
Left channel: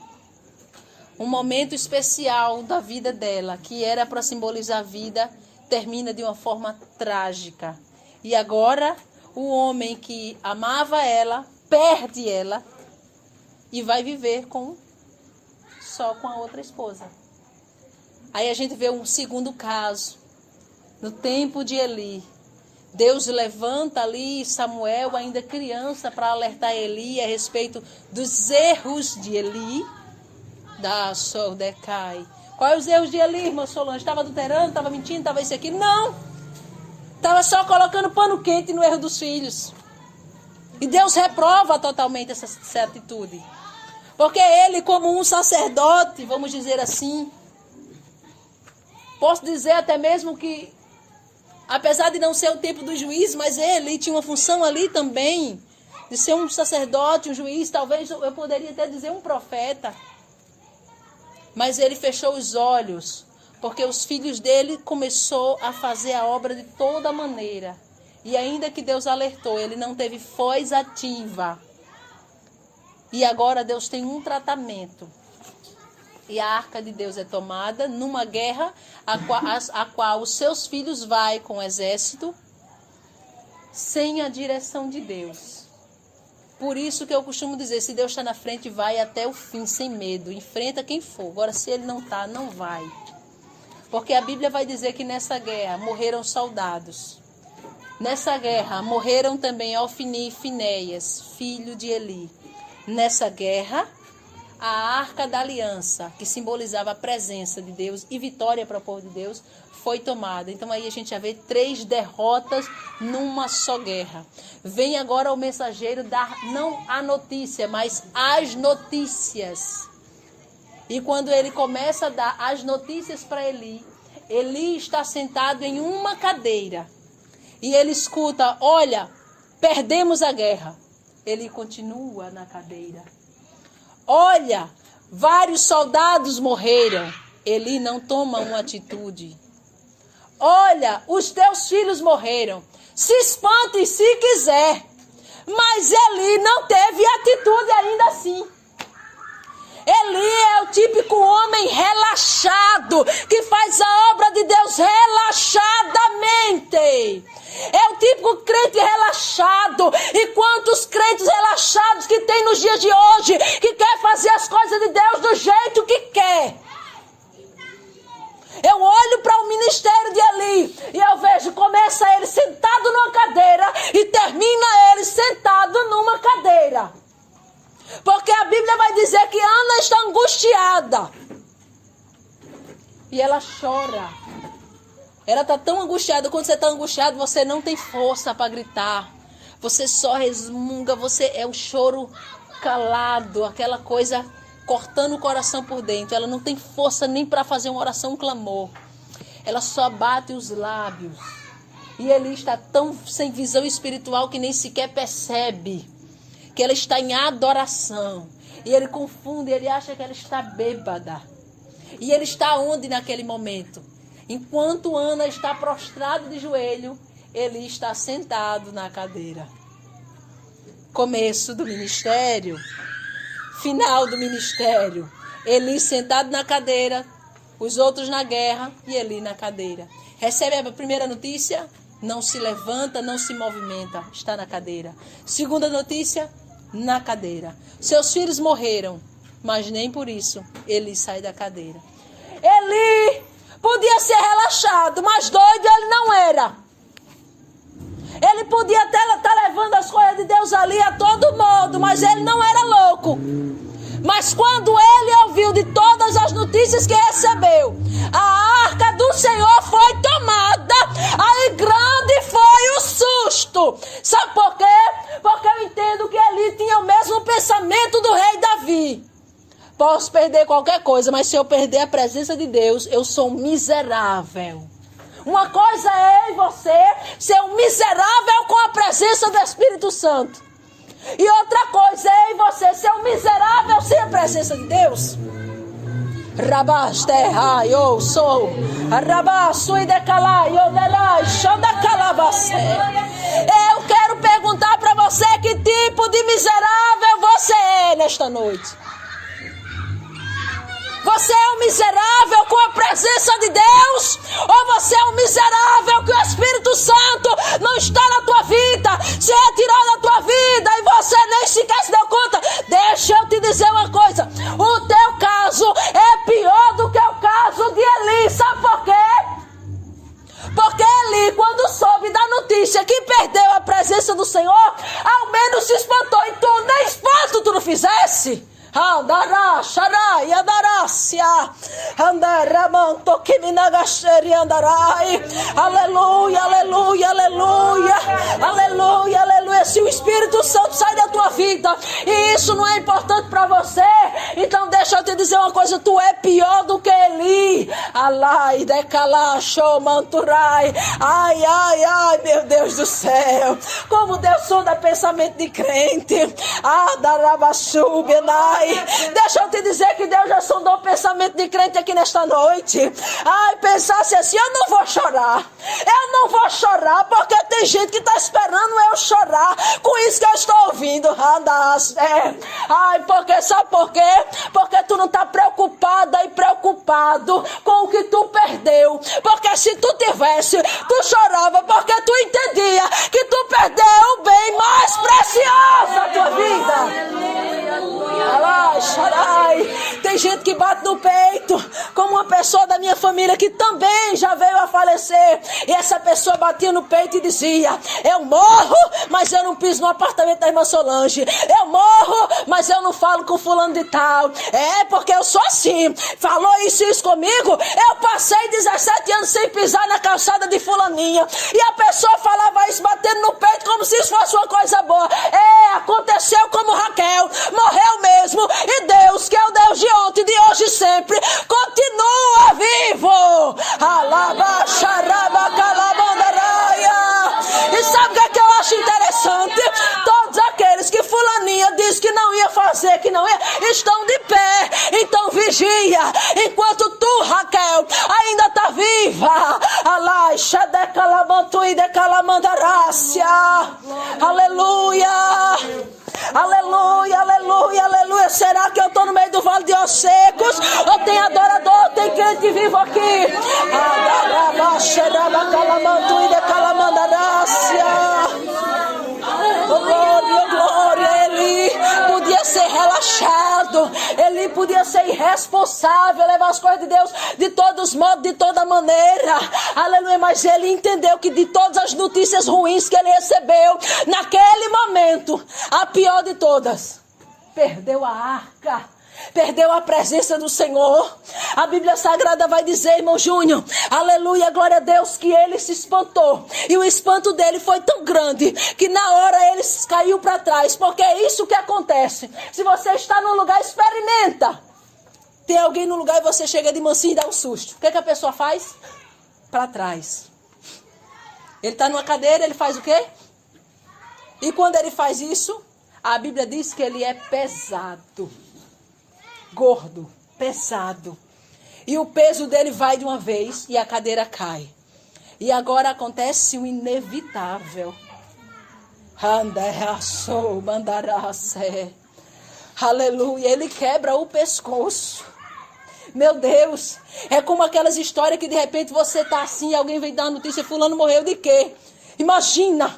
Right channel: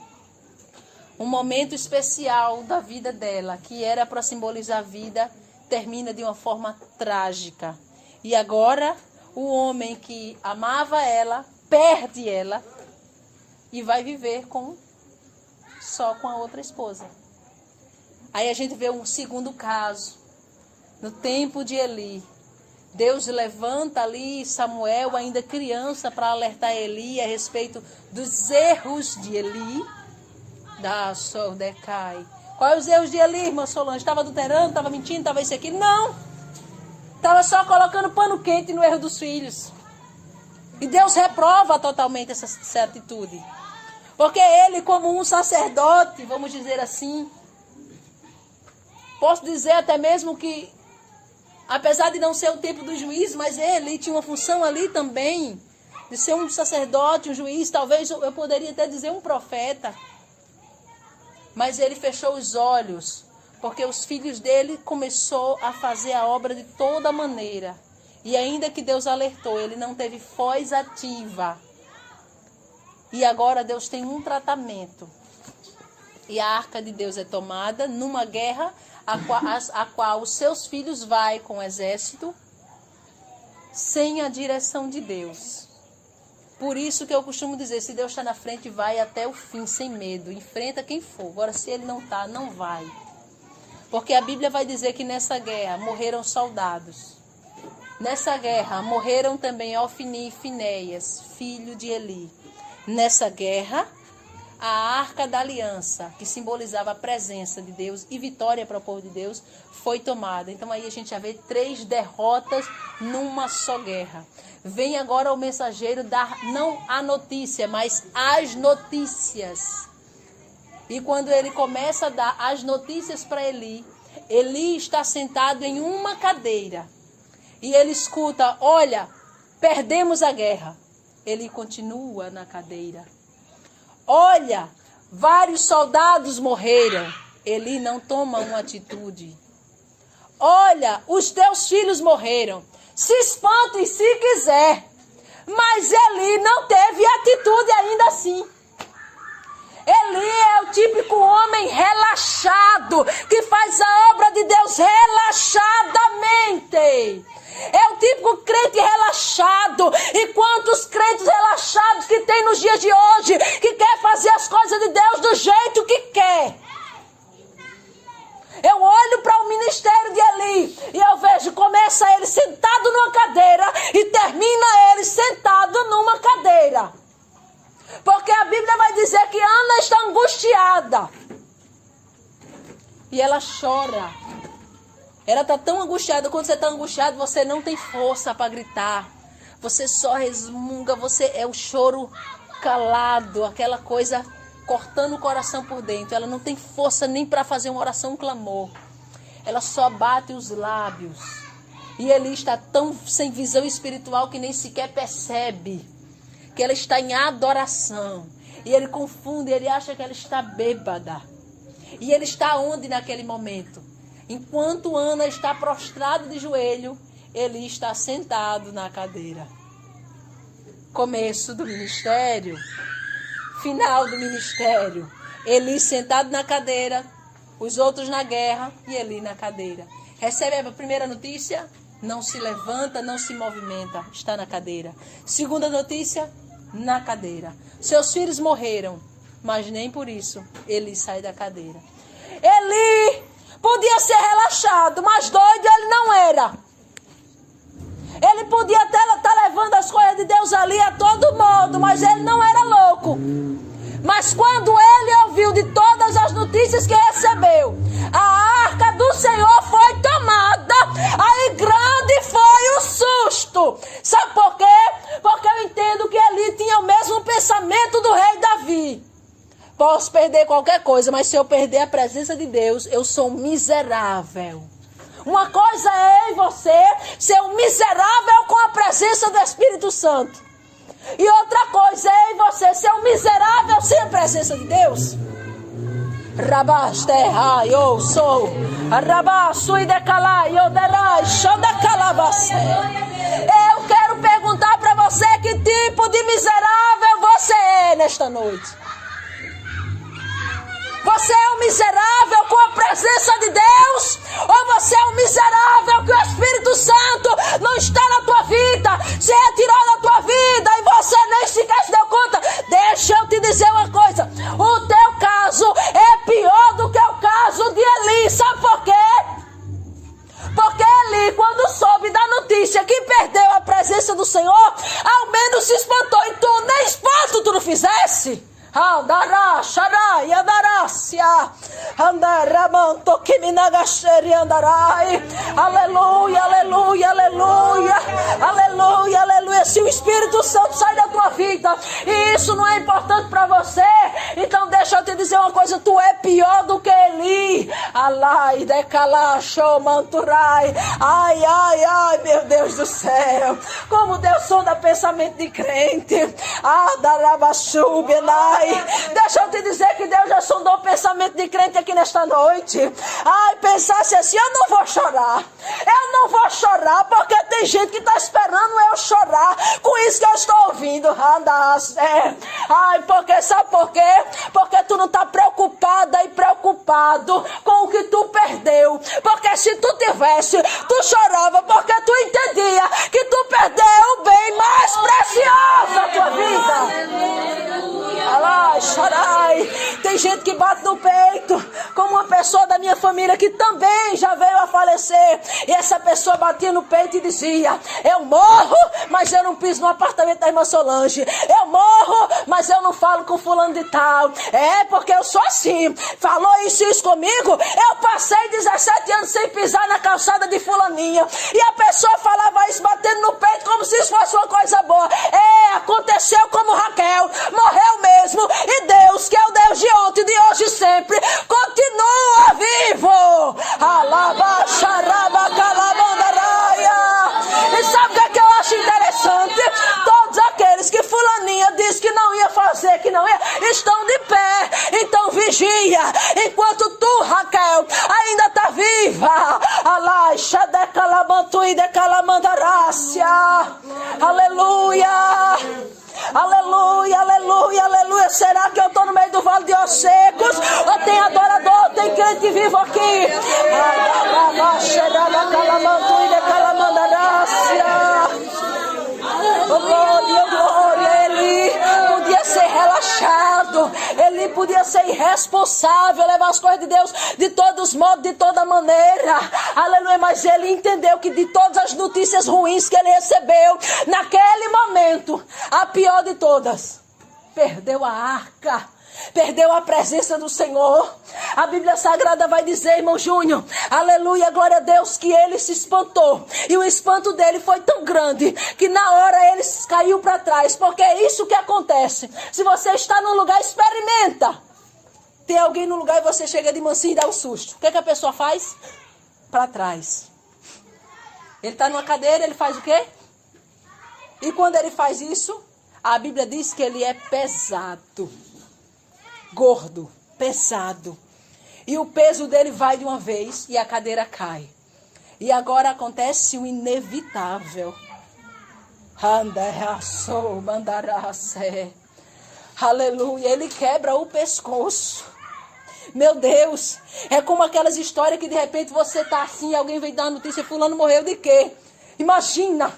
Um momento especial da vida dela, que era para simbolizar a vida, termina de uma forma trágica. E agora, o homem que amava ela, perde ela e vai viver só com a outra esposa. Aí a gente vê um segundo caso. No tempo de Eli, Deus levanta ali Samuel, ainda criança, para alertar Eli a respeito dos erros de Eli. Da Sordecai. Quais os erros de Eli, irmã Solange? Estava adulterando, estava mentindo, estava isso aqui? Não! Estava só colocando pano quente no erro dos filhos. E Deus reprova totalmente essa atitude. Porque ele, como um sacerdote, vamos dizer assim, posso dizer até mesmo que, apesar de não ser o tempo do juiz, mas ele tinha uma função ali também, de ser um sacerdote, um juiz, talvez eu poderia até dizer um profeta. Mas ele fechou os olhos, porque os filhos dele começou a fazer a obra de toda maneira. E ainda que Deus alertou, ele não teve voz ativa. E agora Deus tem um tratamento. E a arca de Deus é tomada numa guerra a qual os seus filhos vai com o exército sem a direção de Deus. Por isso que eu costumo dizer, se Deus está na frente, vai até o fim, sem medo. Enfrenta quem for. Agora, se Ele não está, não vai. Porque a Bíblia vai dizer que nessa guerra morreram soldados. Nessa guerra morreram também Ofni e Finéias, filho de Eli. Nessa guerra, a arca da aliança, que simbolizava a presença de Deus e vitória para o povo de Deus, foi tomada. Então aí a gente já vê 3 derrotas numa só guerra. Vem agora o mensageiro dar não a notícia, mas as notícias. E quando ele começa a dar as notícias para Eli, Eli está sentado em uma cadeira. E ele escuta, olha, perdemos a guerra. Ele continua na cadeira. Olha, vários soldados morreram. Eli não toma uma atitude. Olha, os teus filhos morreram. Se espante se quiser. Mas Eli não teve atitude ainda assim. Eli é o típico homem relaxado, que faz a obra de Deus relaxadamente. É o típico crente relaxado. E quantos crentes relaxados que tem nos dias de hoje, que quer fazer as coisas de Deus do jeito que quer. Eu olho para o ministério de Eli e eu vejo, começa ele sentado numa cadeira e termina ele sentado numa cadeira. Porque a Bíblia vai dizer que Ana está angustiada. E ela chora. Ela está tão angustiada. Quando você está angustiado, você não tem força para gritar. Você só resmunga. Você é o choro calado. Aquela coisa cortando o coração por dentro. Ela não tem força nem para fazer uma oração, um clamor. Ela só bate os lábios. E ele está tão sem visão espiritual que nem sequer percebe que ela está em adoração. E ele confunde, ele acha que ela está bêbada. E ele está onde naquele momento? Enquanto Ana está prostrada de joelho, ele está sentado na cadeira. Começo do ministério, final do ministério. Eli sentado na cadeira, os outros na guerra e Eli na cadeira. Recebe a primeira notícia, não se levanta, não se movimenta, está na cadeira. Segunda notícia, na cadeira. Seus filhos morreram, mas nem por isso ele sai da cadeira. Eli podia ser relaxado, mas doido ele não era. Ele podia até estar levando as coisas de Deus ali a todo modo, mas ele não era louco. Mas quando ele ouviu de todas as notícias que recebeu, a arca do Senhor foi tomada, aí grande foi o susto. Sabe por quê? Porque eu entendo que ele tinha o mesmo pensamento do rei Davi. Posso perder qualquer coisa, mas se eu perder a presença de Deus, eu sou um miserável. Uma coisa é em você ser um miserável com a presença do Espírito Santo. E outra coisa é em você ser um miserável sem a presença de Deus. Rabaste, eu sou. Rabaço e decalai, eu derai, xanda calabacé. Eu quero perguntar para você que tipo de miserável você é nesta noite. Você é um miserável com a presença de Deus? Ou você é um miserável que o Espírito Santo não está na tua vida, se retirou da tua vida e você nem sequer se deu conta? Deixa eu te dizer uma coisa, o teu caso é pior do que o caso de Eli. Sabe por quê? Porque Eli, quando soube da notícia que perdeu a presença do Senhor, ao menos se espantou. E tu nem espanto tu não fizesse. Andará, xarai, andarácia, andaramanto que me nagaseri andarai. Aleluia, aleluia, aleluia, aleluia, aleluia. Se o Espírito Santo sai da tua vida e isso não é importante para você, então deixa eu te dizer uma coisa, tu é pior do que Eli. Alai, decalá, show, manturai. Ai, ai, ai, meu Deus do céu, como Deus sonda pensamento de crente. Adarabassu, benai. Deixa eu te dizer que Deus já sondou o pensamento de crente aqui nesta noite. Ai, pensasse assim, eu não vou chorar. Eu não vou chorar porque tem gente que está esperando eu chorar com isso que eu estou ouvindo. Ai, porque sabe por quê? Porque tu não está preocupada e preocupado com o que tu perdeu. Porque se tu tivesse, tu chorava porque tu entendia que tu perdeu o bem mais precioso da tua vida. Tem gente que bate no peito, como uma pessoa da minha família que também já veio a falecer, e essa pessoa batia no peito e dizia, eu morro, mas eu não piso no apartamento da irmã Solange, eu morro, mas eu não falo com fulano de tal, porque eu sou assim, falou isso comigo, eu passei 17 anos sem pisar na calçada de fulaninha, e a pessoa falava isso batendo no peito como se isso fosse uma coisa boa. Aconteceu como Raquel, morreu mesmo, e Deus, que é o Deus de ontem, de hoje e sempre, continua vivo. E sabe o que eu acho interessante? Todos aqueles que fulaninha disse que não ia fazer, que não ia, estão de pé. Então vigia, enquanto tu, Raquel, ainda está viva. Aleluia. Aleluia, aleluia, aleluia. Será que eu estou no meio do vale de ossos secos? Ou tem adorador, tem crente vivo aqui? Glória, glória. Ele podia ser relaxado, ele podia ser irresponsável, levar as coisas de Deus de todos os modos, de toda maneira. Aleluia, mas ele entendeu que de todas as notícias ruins que ele recebeu, naquele momento, a pior de todas, perdeu a arca. Perdeu a presença do Senhor. A Bíblia Sagrada vai dizer, irmão Júnior, aleluia, glória a Deus, que ele se espantou. E o espanto dele foi tão grande que na hora ele caiu para trás. Porque é isso que acontece. Se você está num lugar, experimenta. Tem alguém no lugar e você chega de mansinho e dá um susto. O que a pessoa faz? Para trás. Ele está numa cadeira, ele faz o quê? E quando ele faz isso, a Bíblia diz que ele é pesado. Gordo, pesado. E o peso dele vai de uma vez e a cadeira cai. E agora acontece o inevitável. Aleluia, ele quebra o pescoço. Meu Deus, é como aquelas histórias que de repente você tá assim, alguém vem dar uma notícia, fulano morreu de quê? Imagina.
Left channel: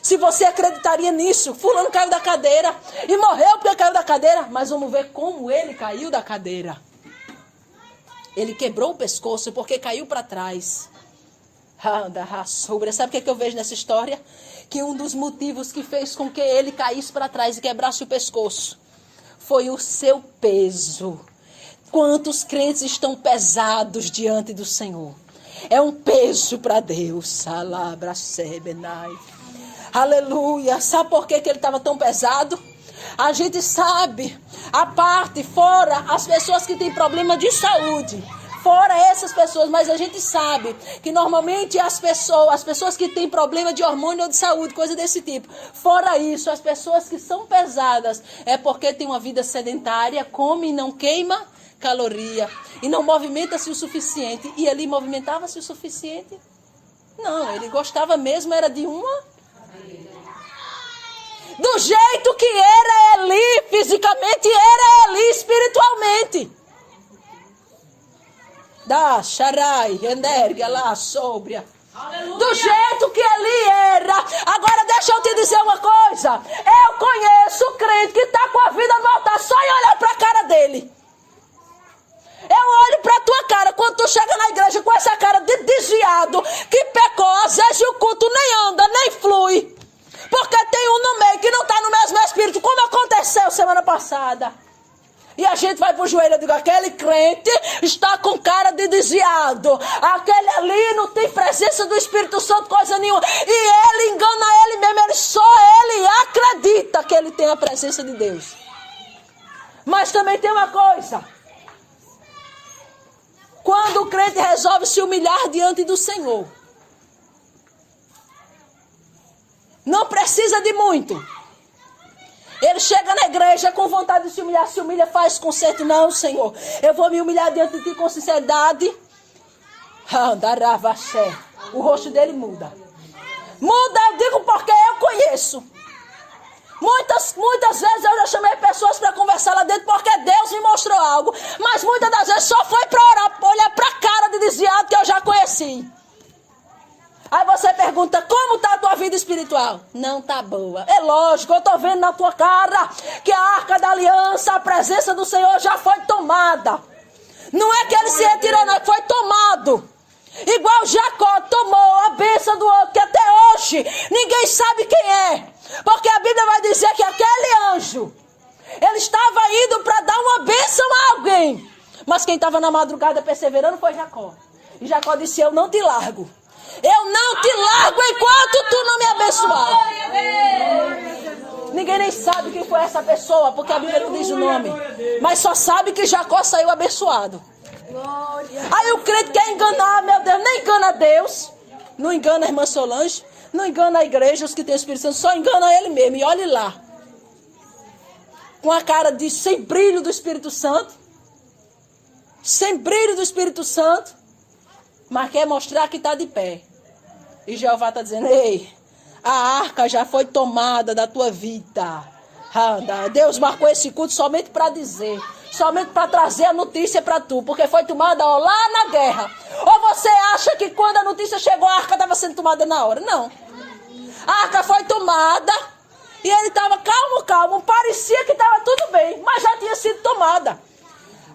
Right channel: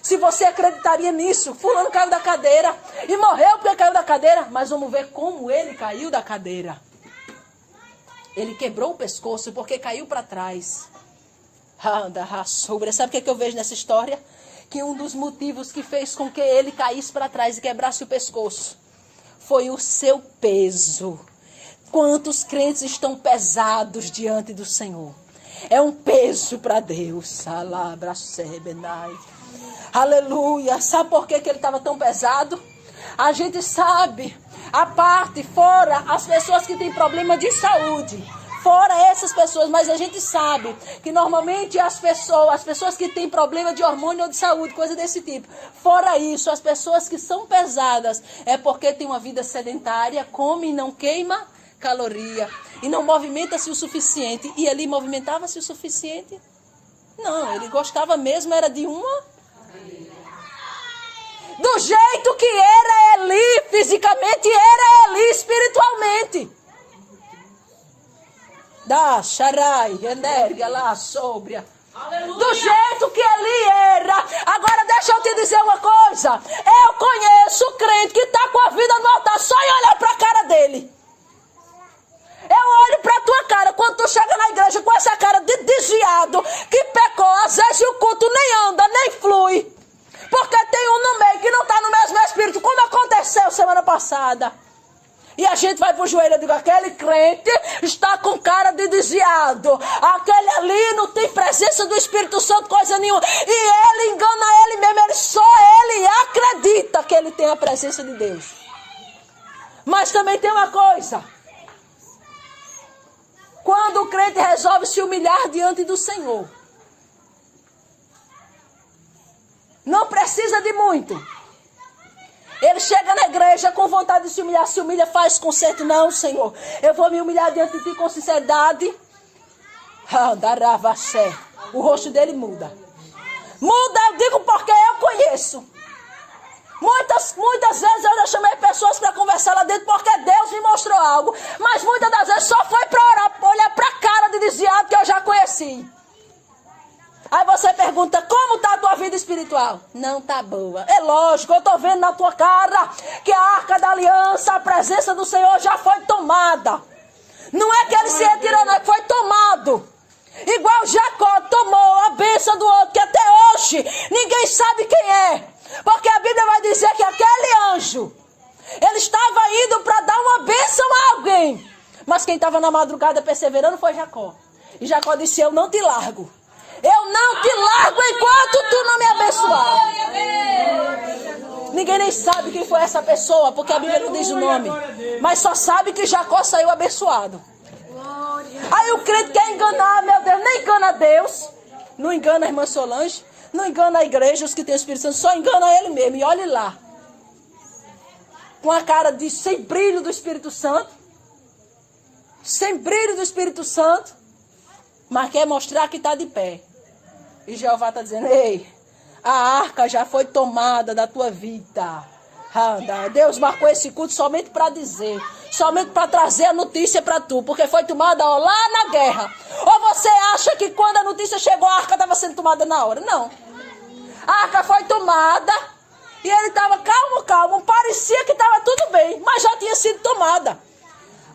Se você acreditaria nisso, fulano caiu da cadeira e morreu porque caiu da cadeira. Mas vamos ver como ele caiu da cadeira. Ele quebrou o pescoço porque caiu para trás. Sabe o que eu vejo nessa história? Que um dos motivos que fez com que ele caísse para trás e quebrasse o pescoço foi o seu peso. Quantos crentes estão pesados diante do Senhor? É um peso para Deus. Aleluia. Sabe por que ele estava tão pesado? A gente sabe, a parte, fora as pessoas que têm problema de saúde, fora essas pessoas, mas a gente sabe que normalmente as pessoas que têm problema de hormônio ou de saúde, coisa desse tipo, fora isso, as pessoas que são pesadas, é porque tem uma vida sedentária, come e não queima caloria. E não movimenta-se o suficiente. E Eli movimentava-se o suficiente? Não, ele gostava mesmo, era de uma. Do jeito que era Eli fisicamente, era Eli espiritualmente. Da Sharai, Enderga, lá, Sóbria. Do jeito que Eli era. Agora deixa eu te dizer uma coisa. Eu conheço o crente que está com a vida no altar só em olhar para a cara dele. Eu olho pra tua cara quando tu chega na igreja com essa cara de desviado, que pecou, às vezes o culto nem anda, nem flui. Porque tem um no meio que não tá no mesmo espírito, como aconteceu semana passada. E a gente vai pro joelho e diz, aquele crente está com cara de desviado. Aquele ali não tem presença do Espírito Santo, coisa nenhuma. E ele engana ele mesmo, só ele acredita que ele tem a presença de Deus. Mas também tem uma coisa. Quando o crente resolve se humilhar diante do Senhor, não precisa de muito. Ele chega na igreja com vontade de se humilha, faz conserto. Não, Senhor, eu vou me humilhar diante de ti com sinceridade. O rosto dele muda. Muda, eu digo porque eu conheço. Muitas vezes eu já chamei pessoas para conversar lá dentro porque Deus me mostrou algo. Mas muitas das vezes só foi para orar, olhar para a cara de desviado que eu já conheci. Aí você pergunta, como está a tua vida espiritual? Não está boa. É lógico, eu estou vendo na tua cara que a arca da aliança, a presença do Senhor já foi tomada. Não é que ele se retirou, não, foi tomado. Igual Jacó tomou a bênção do outro, que até hoje ninguém sabe quem é. Porque a Bíblia vai dizer que aquele anjo, ele estava indo para dar uma bênção a alguém. Mas quem estava na madrugada perseverando foi Jacó. E Jacó disse, eu não te largo. Eu não te largo enquanto tu não me abençoar. Ninguém nem sabe quem foi essa pessoa, porque a Bíblia não diz o nome. Mas só sabe que Jacó saiu abençoado. Aí o crente quer enganar, meu Deus, nem engana Deus. Não engana a irmã Solange. Não engana a igreja, os que têm o Espírito Santo, só engana ele mesmo. E olhe lá. Com a cara de sem brilho do Espírito Santo. Sem brilho do Espírito Santo. Mas quer mostrar que está de pé. E Jeová está dizendo, ei, a arca já foi tomada da tua vida. Deus marcou esse culto somente para dizer. Somente para trazer a notícia para tu. Porque foi tomada lá na guerra. Ou você acha que quando a notícia chegou, a arca estava sendo tomada na hora? Não. A arca foi tomada. E ele estava calmo. Parecia que estava tudo bem. Mas já tinha sido tomada.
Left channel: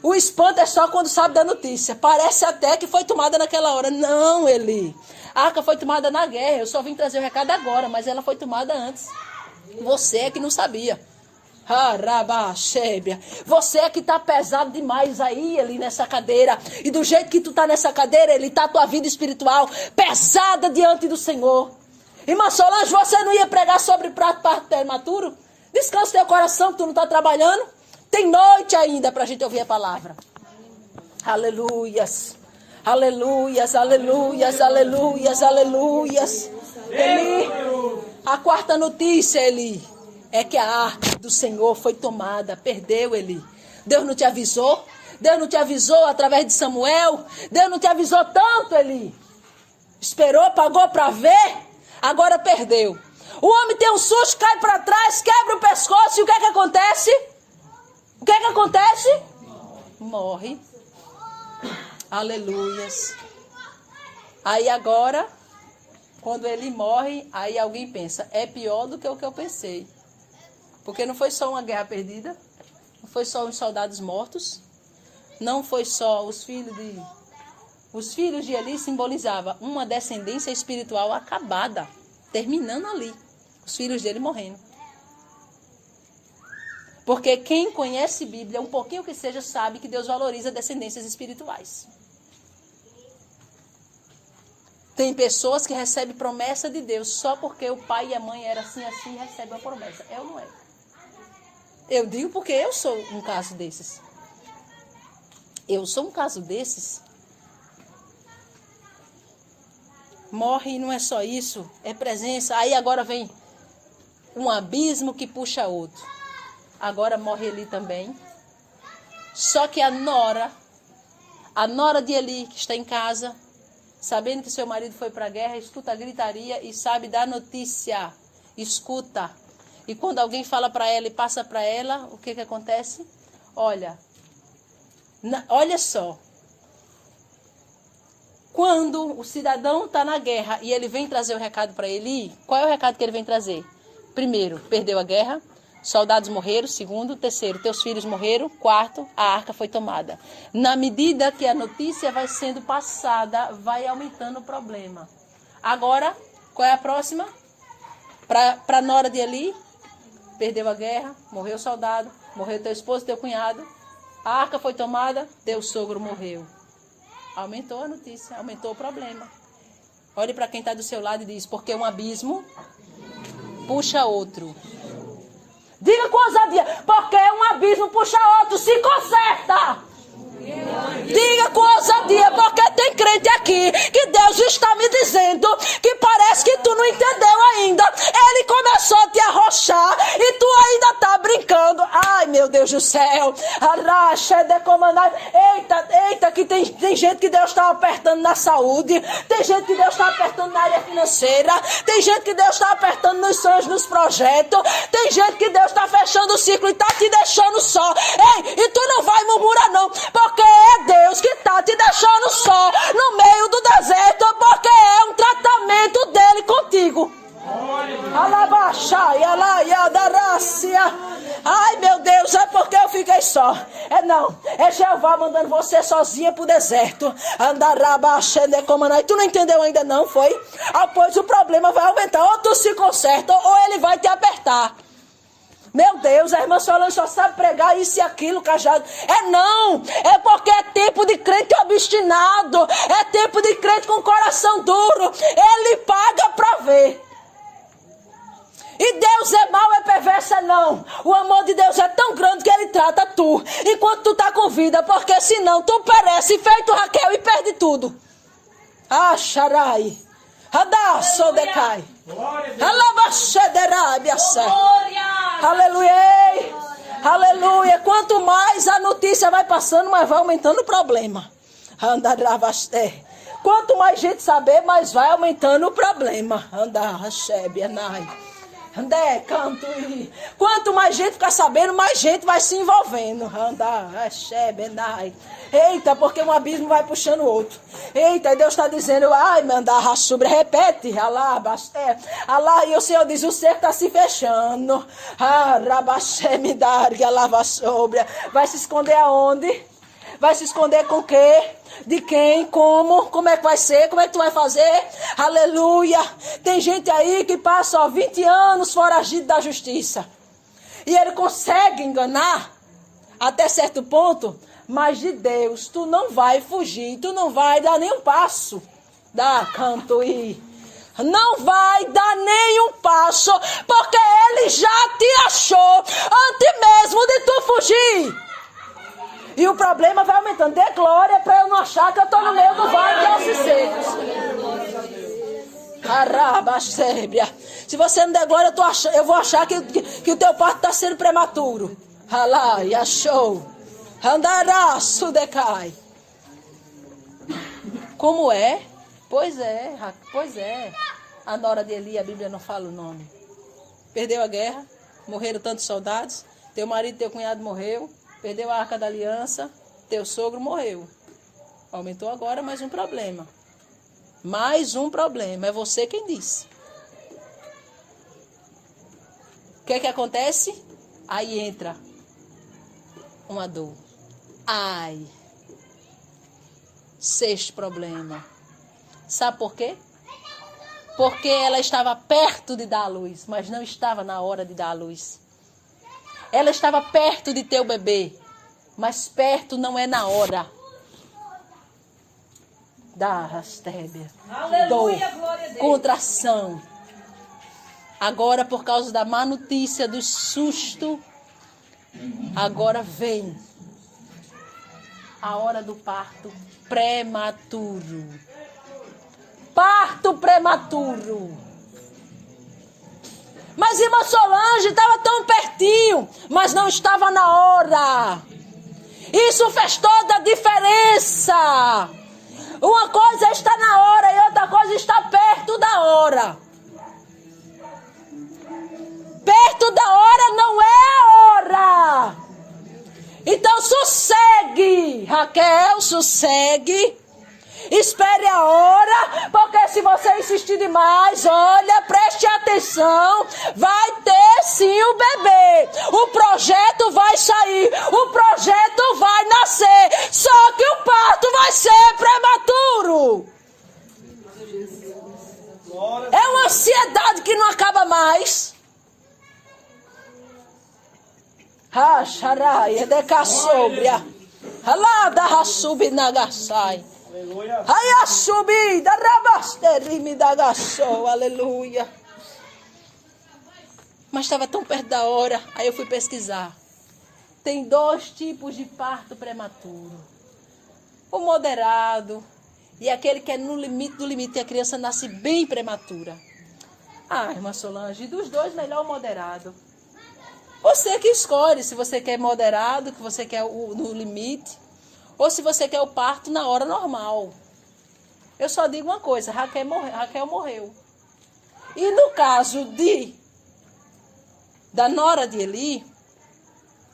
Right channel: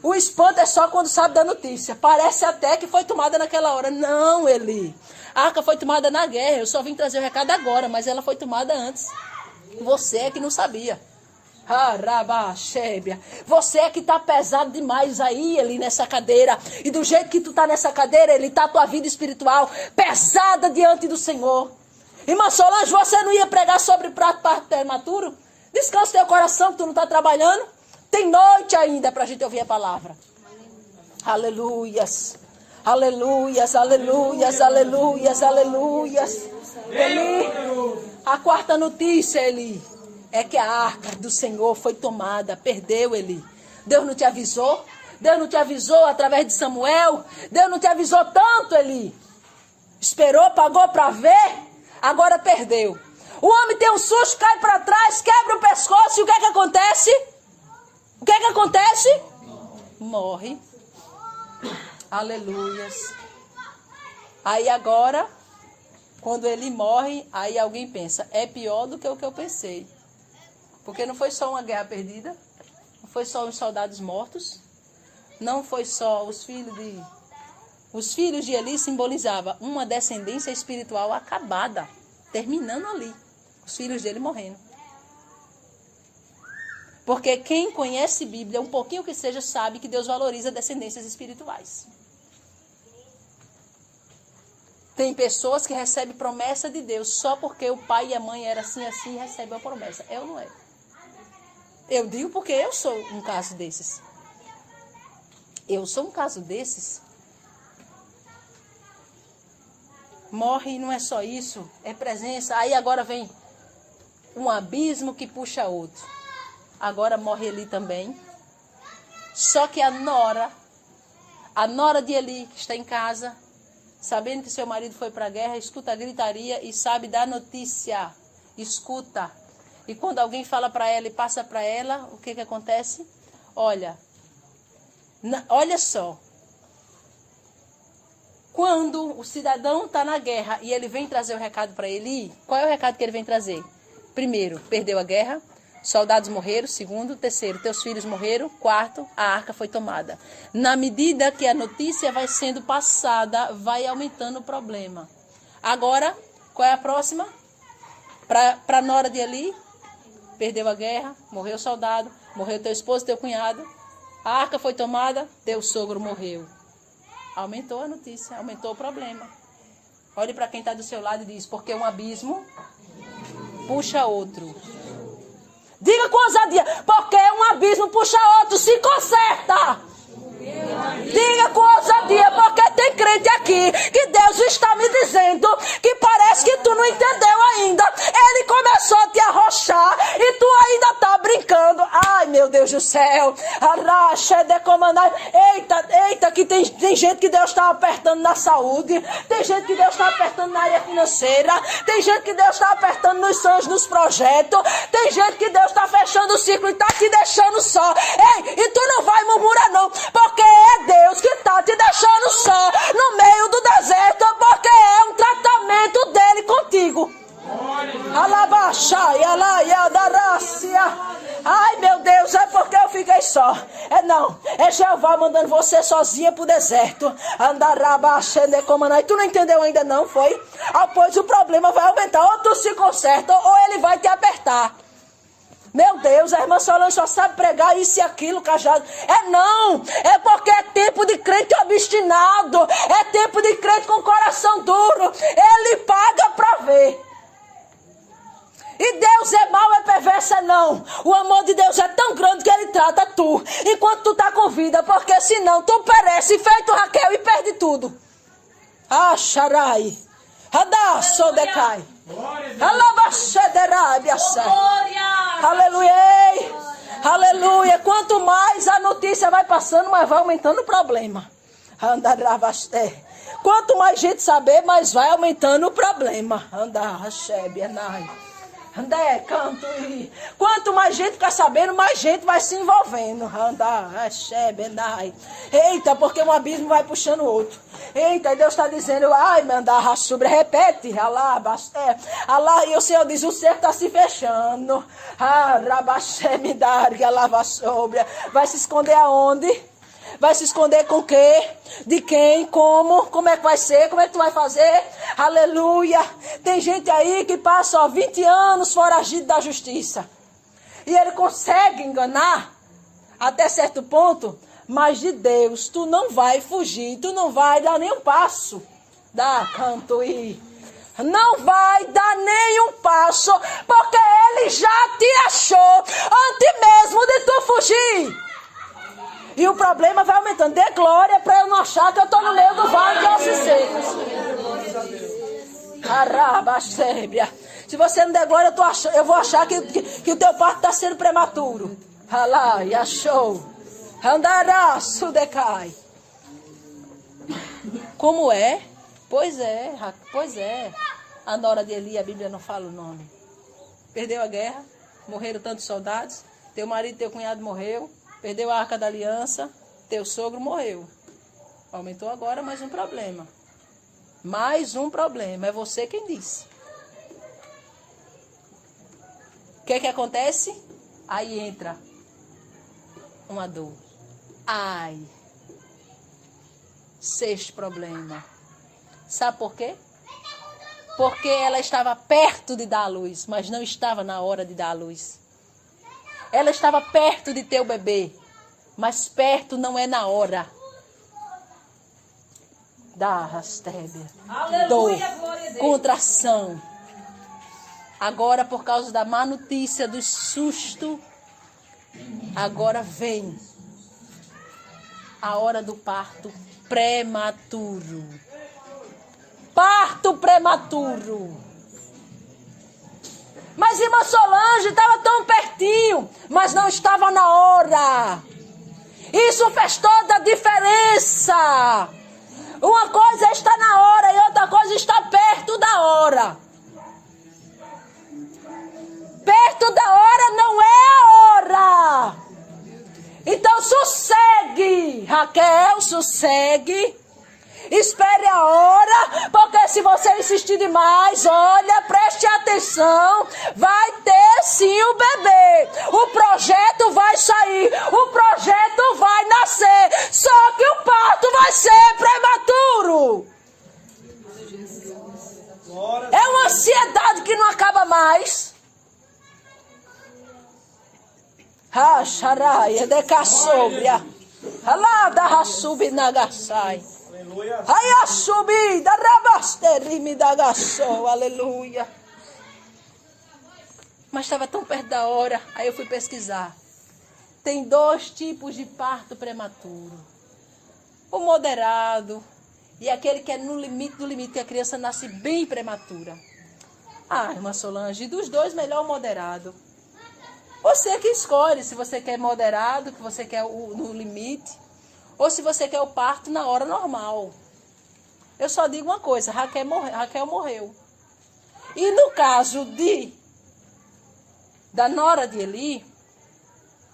O espanto é só quando sabe da notícia. Parece até que foi tomada naquela hora. Não, Eli. A arca foi tomada na guerra. Eu só vim trazer o recado agora. Mas ela foi tomada antes. Você é que não sabia. Você é que está pesado demais aí, Eli, nessa cadeira. E do jeito que tu está nessa cadeira, Eli, está a tua vida espiritual pesada diante do Senhor. Irmã Solange, você não ia pregar sobre parto prematuro? Descansa teu coração que tu não está trabalhando. Tem noite ainda para a gente ouvir a palavra. Aleluias. Aleluias, aleluias, aleluias, aleluias. Eli, a quarta notícia, Eli, é que a arca do Senhor foi tomada. Perdeu, Eli. Deus não te avisou? Deus não te avisou através de Samuel? Deus não te avisou tanto, Eli? Esperou, pagou para ver? Agora perdeu. O homem tem um susto, cai para trás, quebra o pescoço. E o que é que acontece? O que é que acontece? Morre. Aleluias. Aí agora, quando ele morre, aí alguém pensa, é pior do que o que eu pensei. Porque não foi só uma guerra perdida, não foi só os soldados mortos, não foi só os filhos de... Os filhos de Eli simbolizavam uma descendência espiritual acabada, terminando ali, os filhos dele morrendo. Porque quem conhece Bíblia, um pouquinho que seja, sabe que Deus valoriza descendências espirituais. Tem pessoas que recebem promessa de Deus só porque o pai e a mãe eram assim e recebem a promessa. Eu não é. Eu digo porque eu sou um caso desses. Eu sou um caso desses. Morre e não é só isso, é presença. Aí agora vem um abismo que puxa outro. Agora morre Eli também. Só que a nora de Eli, que está em casa, sabendo que seu marido foi para a guerra, escuta a gritaria e sabe da notícia. Escuta. E quando alguém fala para ela e passa para ela, o que acontece? Olha só. Quando o cidadão está na guerra e ele vem trazer o recado para Eli, qual é o recado que ele vem trazer? Primeiro, perdeu a guerra, soldados morreram. Segundo, terceiro, teus filhos morreram. Quarto, a arca foi tomada. Na medida que a notícia vai sendo passada, vai aumentando o problema. Agora, qual é a próxima? Para a nora de Eli, perdeu a guerra, morreu o soldado, morreu teu esposo, teu cunhado. A arca foi tomada, teu sogro morreu. Aumentou a notícia, aumentou o problema. Olhe para quem está do seu lado e diz, porque um abismo puxa outro. Diga com ousadia, porque um abismo puxa outro, se conserta. Diga com ousadia, porque tem crente aqui que Deus está me dizendo que parece que tu não entendeu ainda. Ele começou a te arrochar e tu ainda está brincando. Ai, meu Deus do céu. Eita, que tem gente que Deus está apertando na saúde. Tem gente que Deus está apertando na área financeira. Tem gente que Deus está apertando nos sonhos, nos projetos. Tem gente que Deus está fechando o ciclo e está te deixando só. Ei, e tu não vai murmurar não, porque é Deus que está te deixando só no meio do deserto, porque é um tratamento dele contigo. Alabaxai, alaiadarácia. Ai, meu Deus, é porque eu fiquei só. É Jeová mandando você sozinha pro deserto. Andarabaxendecomanai. Tu não entendeu ainda não, foi? Pois o problema vai aumentar. Ou tu se conserta, ou ele vai te apertar. Meu Deus, a irmã Solange só sabe pregar isso e aquilo, cajado. É porque é tempo de crente obstinado. É tempo de crente com coração duro. Ele paga pra ver. E Deus é mau, é perverso, não. O amor de Deus é tão grande que ele trata tu enquanto tu tá com vida, porque senão tu perece feito Raquel e perde tudo. Xarai. Radasodecai. Aleluia. Aleluia. Quanto mais a notícia vai passando, mais vai aumentando o problema. Quanto mais gente saber, mais vai aumentando o problema. Quanto mais gente ficar sabendo, mais gente vai se envolvendo. Eita, porque um abismo vai puxando o outro. Eita, e Deus está dizendo, ai, mandar sobre, repete, alá, e o Senhor diz, o cerco está se fechando. Vai se esconder aonde? Vai se esconder com o quê? De quem? Como? Como é que vai ser? Como é que tu vai fazer? Aleluia! Tem gente aí que passa 20 anos foragido da justiça. E ele consegue enganar até certo ponto, mas de Deus tu não vai fugir, tu não vai dar nenhum passo. Dá canto e não vai dar nenhum passo, porque ele já te achou antes mesmo de tu fugir. E o problema vai aumentando. Dê glória para eu não achar que eu estou no meio do vale de ossos secos. Se você não der glória, eu vou achar que o teu parto está sendo prematuro. Achou. Como é? Pois é. A nora de Eli, a Bíblia não fala o nome. Perdeu a guerra, morreram tantos soldados. Teu marido, teu cunhado morreu. Perdeu a arca da aliança, teu sogro morreu. Aumentou agora mais um problema. Mais um problema. É você quem disse. O que acontece? Aí entra uma dor. Ai. Sexto problema. Sabe por quê? Porque ela estava perto de dar a luz, mas não estava na hora de dar a luz. Ela estava perto de ter o bebê, mas perto não é na hora. Da rastébia. Dor, contração. Agora, por causa da má notícia, do susto, agora vem a hora do parto prematuro. Parto prematuro. Mas irmã Solange estava tão pertinho, mas não estava na hora. Isso fez toda a diferença. Uma coisa está na hora e outra coisa está perto da hora. Perto da hora não é a hora. Então sossegue, Raquel, sossegue. Espere a hora, porque se você insistir demais, olha, preste atenção, vai ter sim o bebê. O projeto vai sair, o projeto vai nascer, só que o parto vai ser prematuro. É uma ansiedade que não acaba mais. Racharaia de caçobria. Alá da raçubi nagasai. Aí a subida, rabasterime da gaçou, aleluia. Mas estava tão perto da hora, aí eu fui pesquisar. Tem 2 tipos de parto prematuro. O moderado e aquele que é no limite do limite, a criança nasce bem prematura. Ah, irmã Solange, dos 2, melhor o moderado. Você que escolhe se você quer moderado, que você quer no limite, ou se você quer o parto na hora normal. Eu só digo uma coisa, Raquel morreu. E no caso da nora de Eli,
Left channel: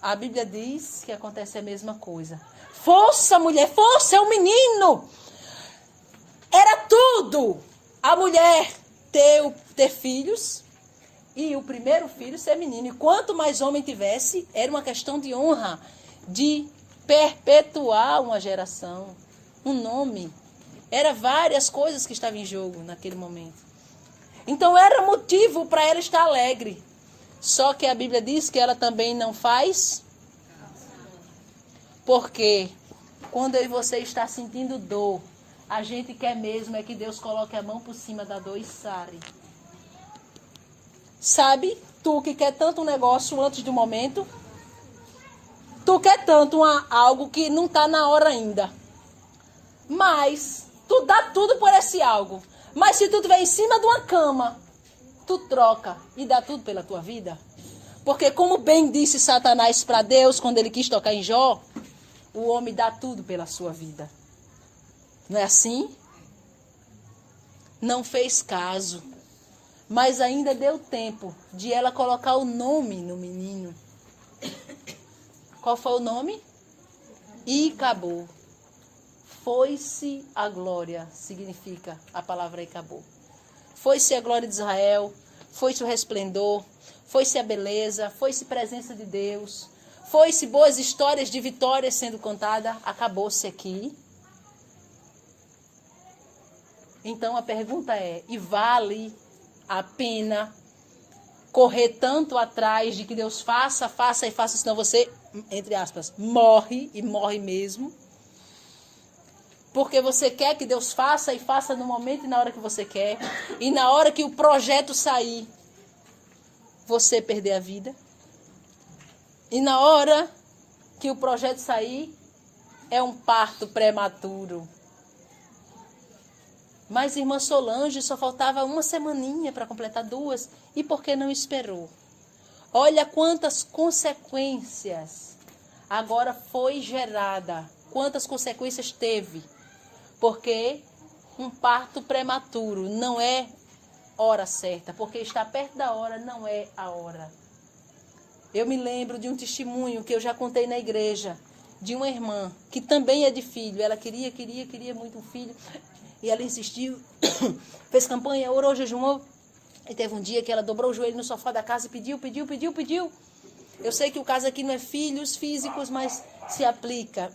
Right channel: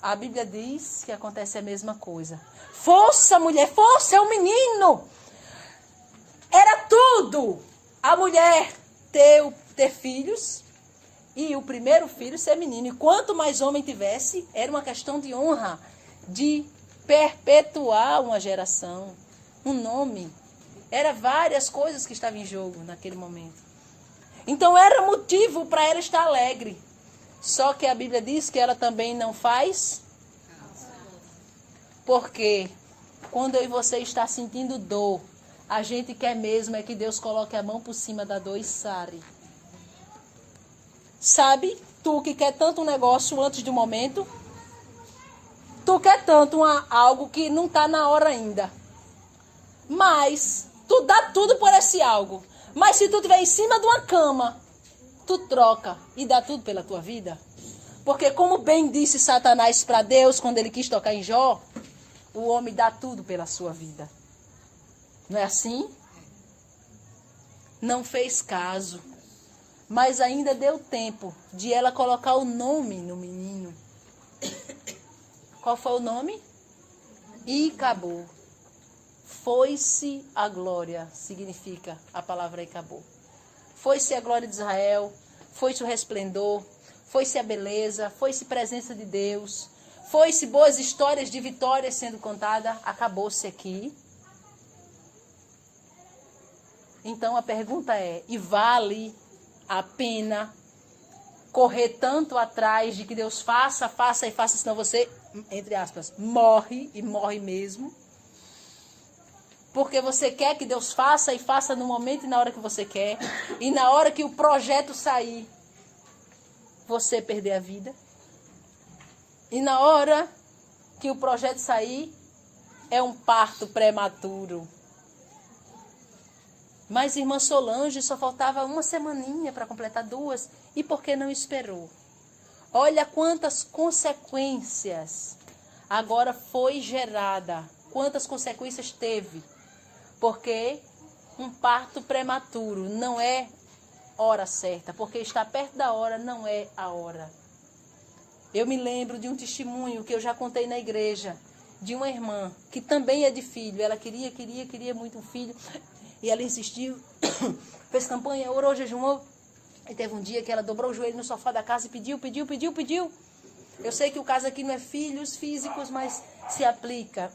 a Bíblia diz que acontece a mesma coisa. Força, mulher, força, é um menino. Era tudo. A mulher ter filhos e o primeiro filho ser menino. E quanto mais homem tivesse, era uma questão de honra, de perpetuar uma geração, um nome. Era várias coisas que estavam em jogo naquele momento. Então era motivo para ela estar alegre. Só que a Bíblia diz que ela também não faz. Porque quando eu e você está sentindo dor, a gente quer mesmo é que Deus coloque a mão por cima da dor e sare. Sabe, tu que quer tanto um negócio antes do momento, tu quer tanto algo que não está na hora ainda. Mas tu dá tudo por esse algo. Mas se tu estiver em cima de uma cama, tu troca e dá tudo pela tua vida. Porque como bem disse Satanás para Deus quando ele quis tocar em Jó, o homem dá tudo pela sua vida. Não é assim? Não fez caso. Mas ainda deu tempo de ela colocar o nome no menino. Qual foi o nome? Icabô. Foi-se a glória, significa a palavra Icabô. Foi-se a glória de Israel, foi-se o resplendor, foi-se a beleza, foi-se a presença de Deus, foi-se boas histórias de vitórias sendo contadas, acabou-se aqui. Então a pergunta é, e vale a pena correr tanto atrás de que Deus faça, senão você, entre aspas, morre e morre mesmo? Porque você quer que Deus faça e faça no momento e na hora que você quer. E na hora que o projeto sair, você perder a vida. E na hora que o projeto sair, é um parto prematuro. Mas irmã Solange, só faltava uma semaninha para completar 2. E por que não esperou? Olha quantas consequências agora foi gerada. Quantas consequências teve. Porque um parto prematuro não é hora certa. Porque estar perto da hora não é a hora. Eu me lembro de um testemunho que eu já contei na igreja. De uma irmã que também é de filho. Ela queria muito um filho. E ela insistiu, fez campanha, orou, jejuou. E teve um dia que ela dobrou o joelho no sofá da casa e pediu. Eu sei que o caso aqui não é filhos físicos, mas se aplica.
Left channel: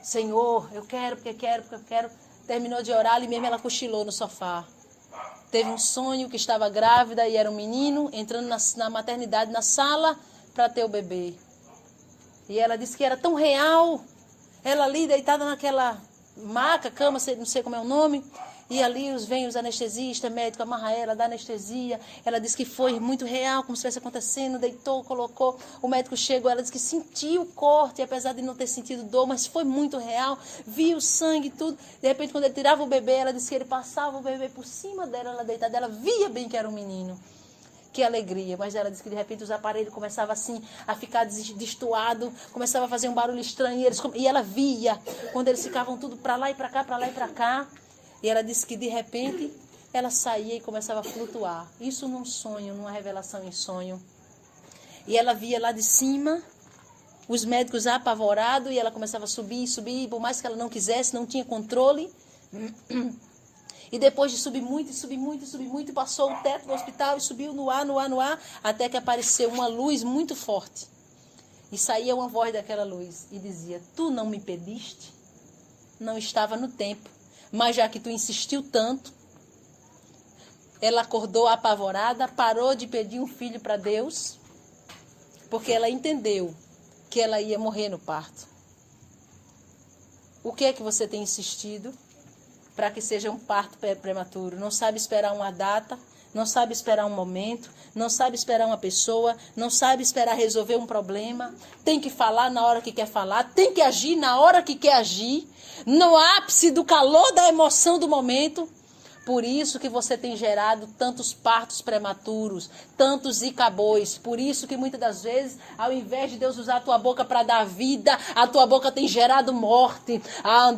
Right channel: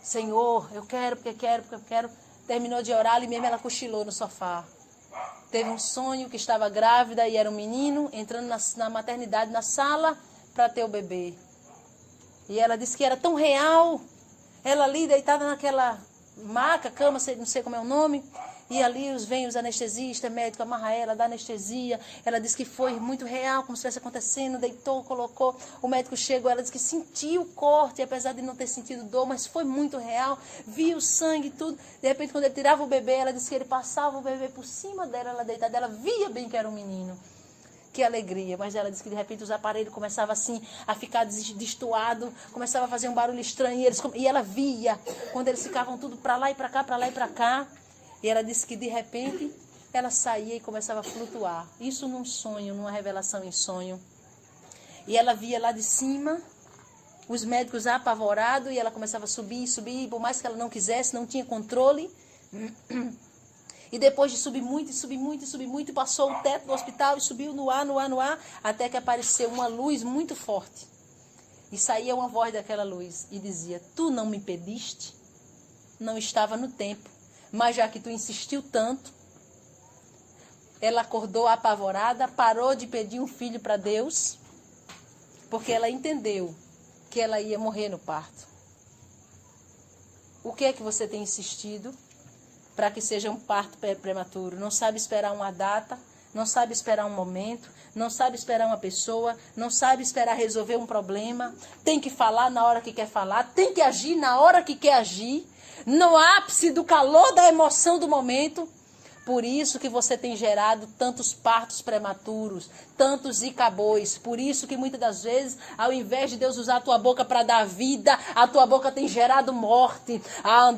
Senhor, eu quero, porque eu quero. Terminou de orar, ali mesmo ela cochilou no sofá. Teve um sonho que estava grávida e era um menino, entrando na maternidade, na sala, para ter o bebê. E ela disse que era tão real. Ela ali, deitada naquela maca, cama, não sei como é o nome. E ali vem os anestesistas, médico, amarra ela, dá anestesia. Ela disse que foi muito real, como se estivesse acontecendo. Deitou, colocou. O médico chegou, ela disse que sentiu o corte, apesar de não ter sentido dor, mas foi muito real. Viu o sangue e tudo. De repente, quando ele tirava o bebê, ela disse que ele passava o bebê por cima dela, ela deitada. Ela via bem que era um menino. Que alegria. Mas ela disse que de repente os aparelhos começavam assim a ficar destoado, começava a fazer um barulho estranho. E ela via quando eles ficavam tudo para lá e para cá, para lá e para cá. E ela disse que de repente ela saía e começava a flutuar. Isso num sonho, numa revelação em sonho. E ela via lá de cima os médicos apavorados e ela começava a subir, subir. Por mais que ela não quisesse, não tinha controle. E depois de subir muito, subir muito, subir muito, passou o teto do hospital e subiu no ar, no ar, no ar, até que apareceu uma luz muito forte. E saía uma voz daquela luz e dizia: tu não me pediste? Não estava no tempo. Mas já que tu insistiu tanto, ela acordou apavorada, parou de pedir um filho para Deus, porque ela entendeu que ela ia morrer no parto. O que é que você tem insistido para que seja um parto prematuro? Não sabe esperar uma data, não sabe esperar um momento, não sabe esperar uma pessoa, não sabe esperar resolver um problema. Tem que falar na hora que quer falar, tem que agir na hora que quer agir, no ápice do calor da emoção do momento. Por isso que você tem gerado tantos partos prematuros, tantos icabôs. Por isso que muitas das vezes, ao invés de Deus usar a tua boca para dar vida, a tua boca tem gerado morte. Ao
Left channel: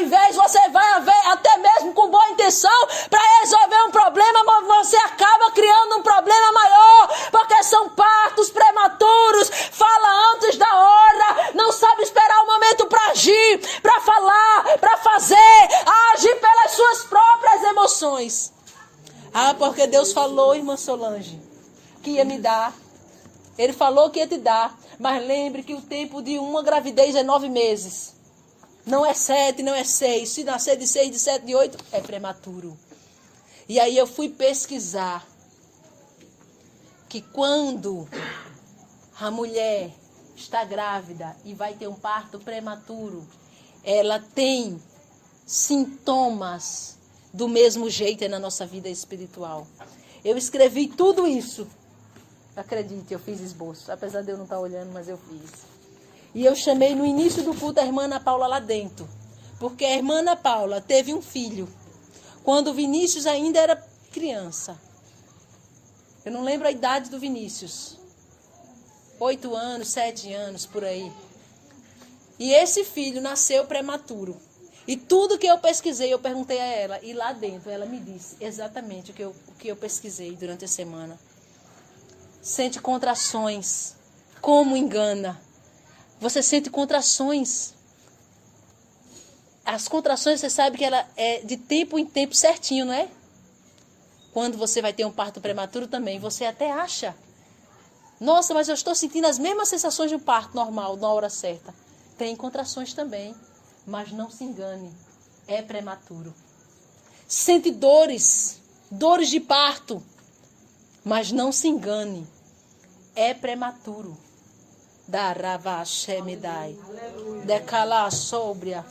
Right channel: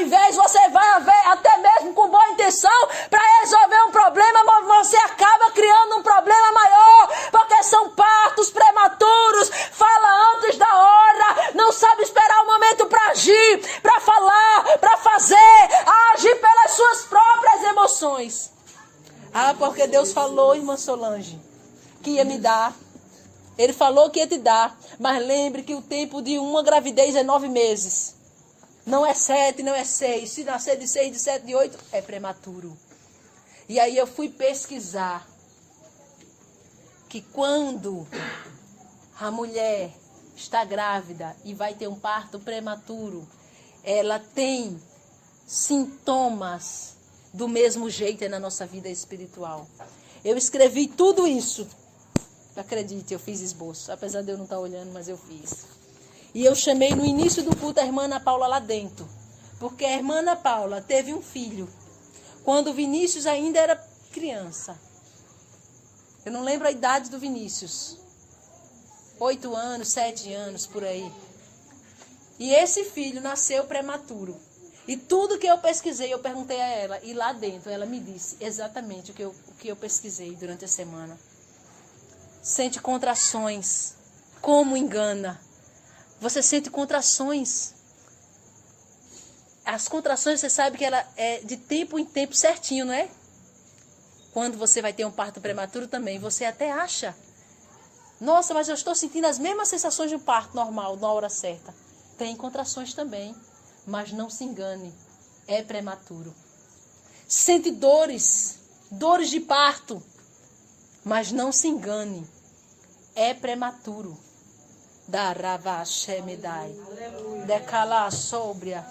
invés você vai ver, até mesmo com boa intenção, para resolver um problema, mas você acaba criando um problema maior, porque são partos prematuros. Fala antes da hora, não sabe esperar o momento para agir, para falar, para fazer, agir pelas suas próprias emoções. Porque Deus falou, irmã Solange, que ia me dar. Ele falou que ia te dar. Mas lembre que o tempo de uma gravidez é 9 meses. Não é 7, não é 6. Se nascer de 6, de 7, de 8, é prematuro. E aí eu fui pesquisar que quando a mulher está grávida e vai ter um parto prematuro, ela tem sintomas do mesmo jeito na nossa vida espiritual. Eu escrevi tudo isso. Acredite, eu fiz esboço. Apesar de eu não estar olhando, mas eu fiz. E eu chamei no início do culto a irmã Ana Paula lá dentro. Porque a irmã Ana Paula teve um filho quando o Vinícius ainda era criança. Eu não lembro a idade do Vinícius. 8 anos, 7 anos, por aí. E esse filho nasceu prematuro. E tudo que eu pesquisei, eu perguntei a ela. E lá dentro, ela me disse exatamente o que eu pesquisei durante a semana. Sente contrações. Como engana. Você sente contrações. As contrações, você sabe que ela é de tempo em tempo certinho, não é? Quando você vai ter um parto prematuro também, você até acha. Nossa, mas eu estou sentindo as mesmas sensações de um parto normal, na hora certa. Tem contrações também, mas não se engane, é prematuro. Sente dores de parto, mas não se engane, é prematuro. Darava Shemidai, decala sóbria,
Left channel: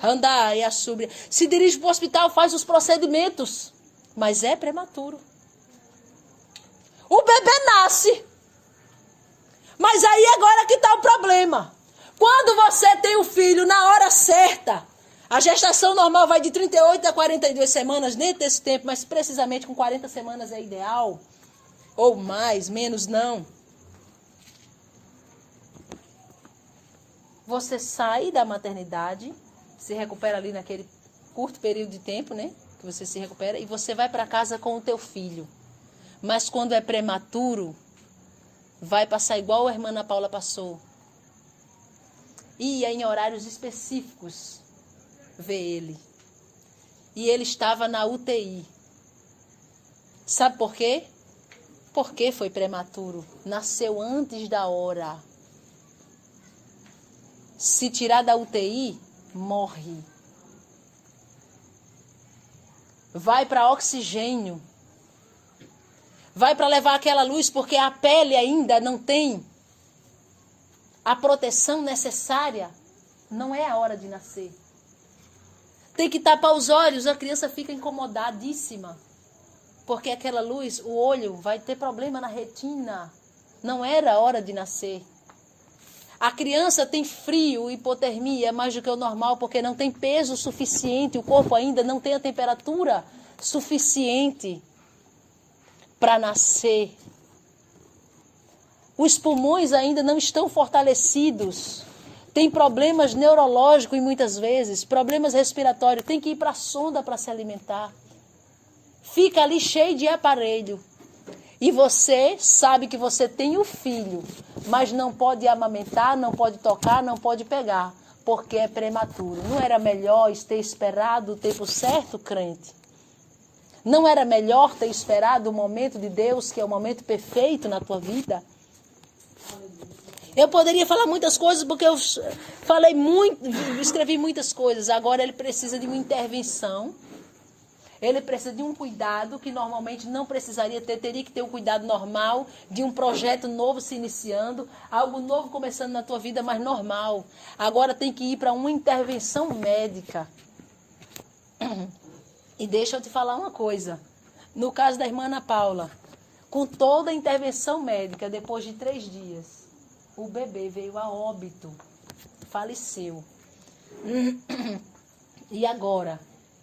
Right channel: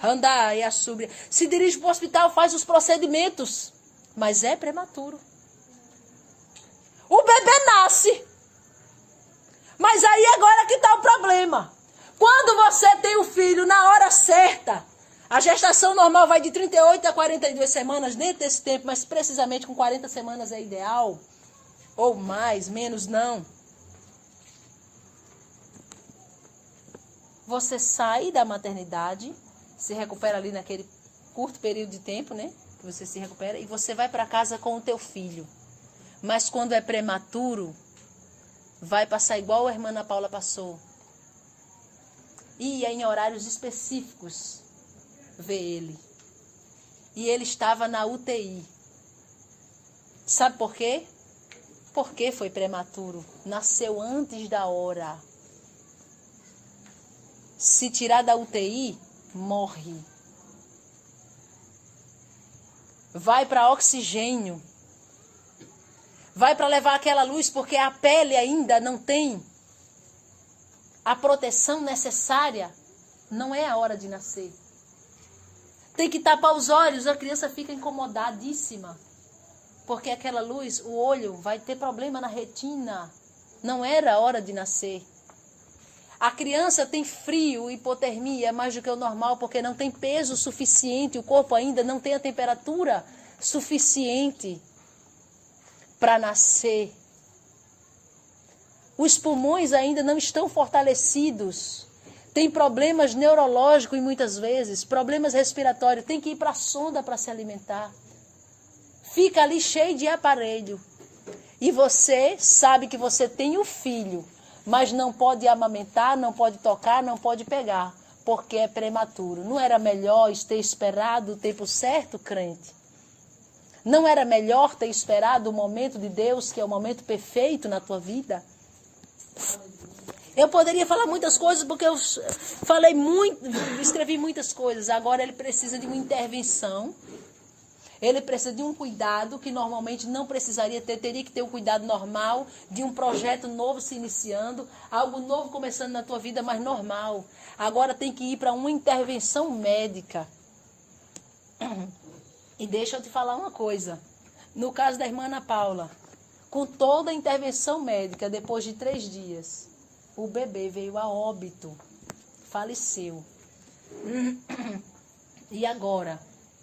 andai a súbria. Se dirige para o hospital, faz os procedimentos, mas é prematuro. O bebê nasce, mas aí agora que está o problema. Quando você tem o filho na hora certa, a gestação normal vai de 38 a 42 semanas, dentro desse tempo, mas precisamente com 40 semanas é ideal. Ou mais, menos não. Você sai da maternidade, se recupera ali naquele curto período de tempo, né? Que você se recupera, e você vai para casa com o teu filho. Mas quando é prematuro, vai passar igual a irmã Ana Paula passou. Ia em horários específicos ver ele. E ele estava na UTI. Sabe por quê? Porque foi prematuro. Nasceu antes da hora. Se tirar da UTI, morre. Vai para oxigênio. Vai para levar aquela luz, porque a pele ainda não tem a proteção necessária. Não é a hora de nascer. Tem que tapar os olhos, a criança fica incomodadíssima. Porque aquela luz, o olho vai ter problema na retina. Não era a hora de nascer. A criança tem frio, hipotermia, mais do que o normal, porque não tem peso suficiente, o corpo ainda não tem a temperatura suficiente para nascer. Os pulmões ainda não estão fortalecidos. Tem problemas neurológicos e muitas vezes, problemas respiratórios. Tem que ir para a sonda para se alimentar. Fica ali cheio de aparelho. E você sabe que você tem o filho, mas não pode amamentar, não pode tocar, não pode pegar, porque é prematuro. Não era melhor ter esperado o tempo certo, crente? Não era melhor ter esperado o momento de Deus, que é o momento perfeito na tua vida? Eu poderia falar muitas coisas, porque eu falei muito, escrevi muitas coisas. Agora ele precisa de uma intervenção. Ele precisa de um cuidado que normalmente não precisaria ter. Teria que ter o cuidado normal de um projeto novo se iniciando, algo novo começando na tua vida, mas normal. Agora tem que ir para uma intervenção médica. E deixa eu te falar uma coisa. No caso da irmã Ana Paula, com toda a intervenção médica, depois de 3 dias, o bebê veio a óbito, faleceu. E agora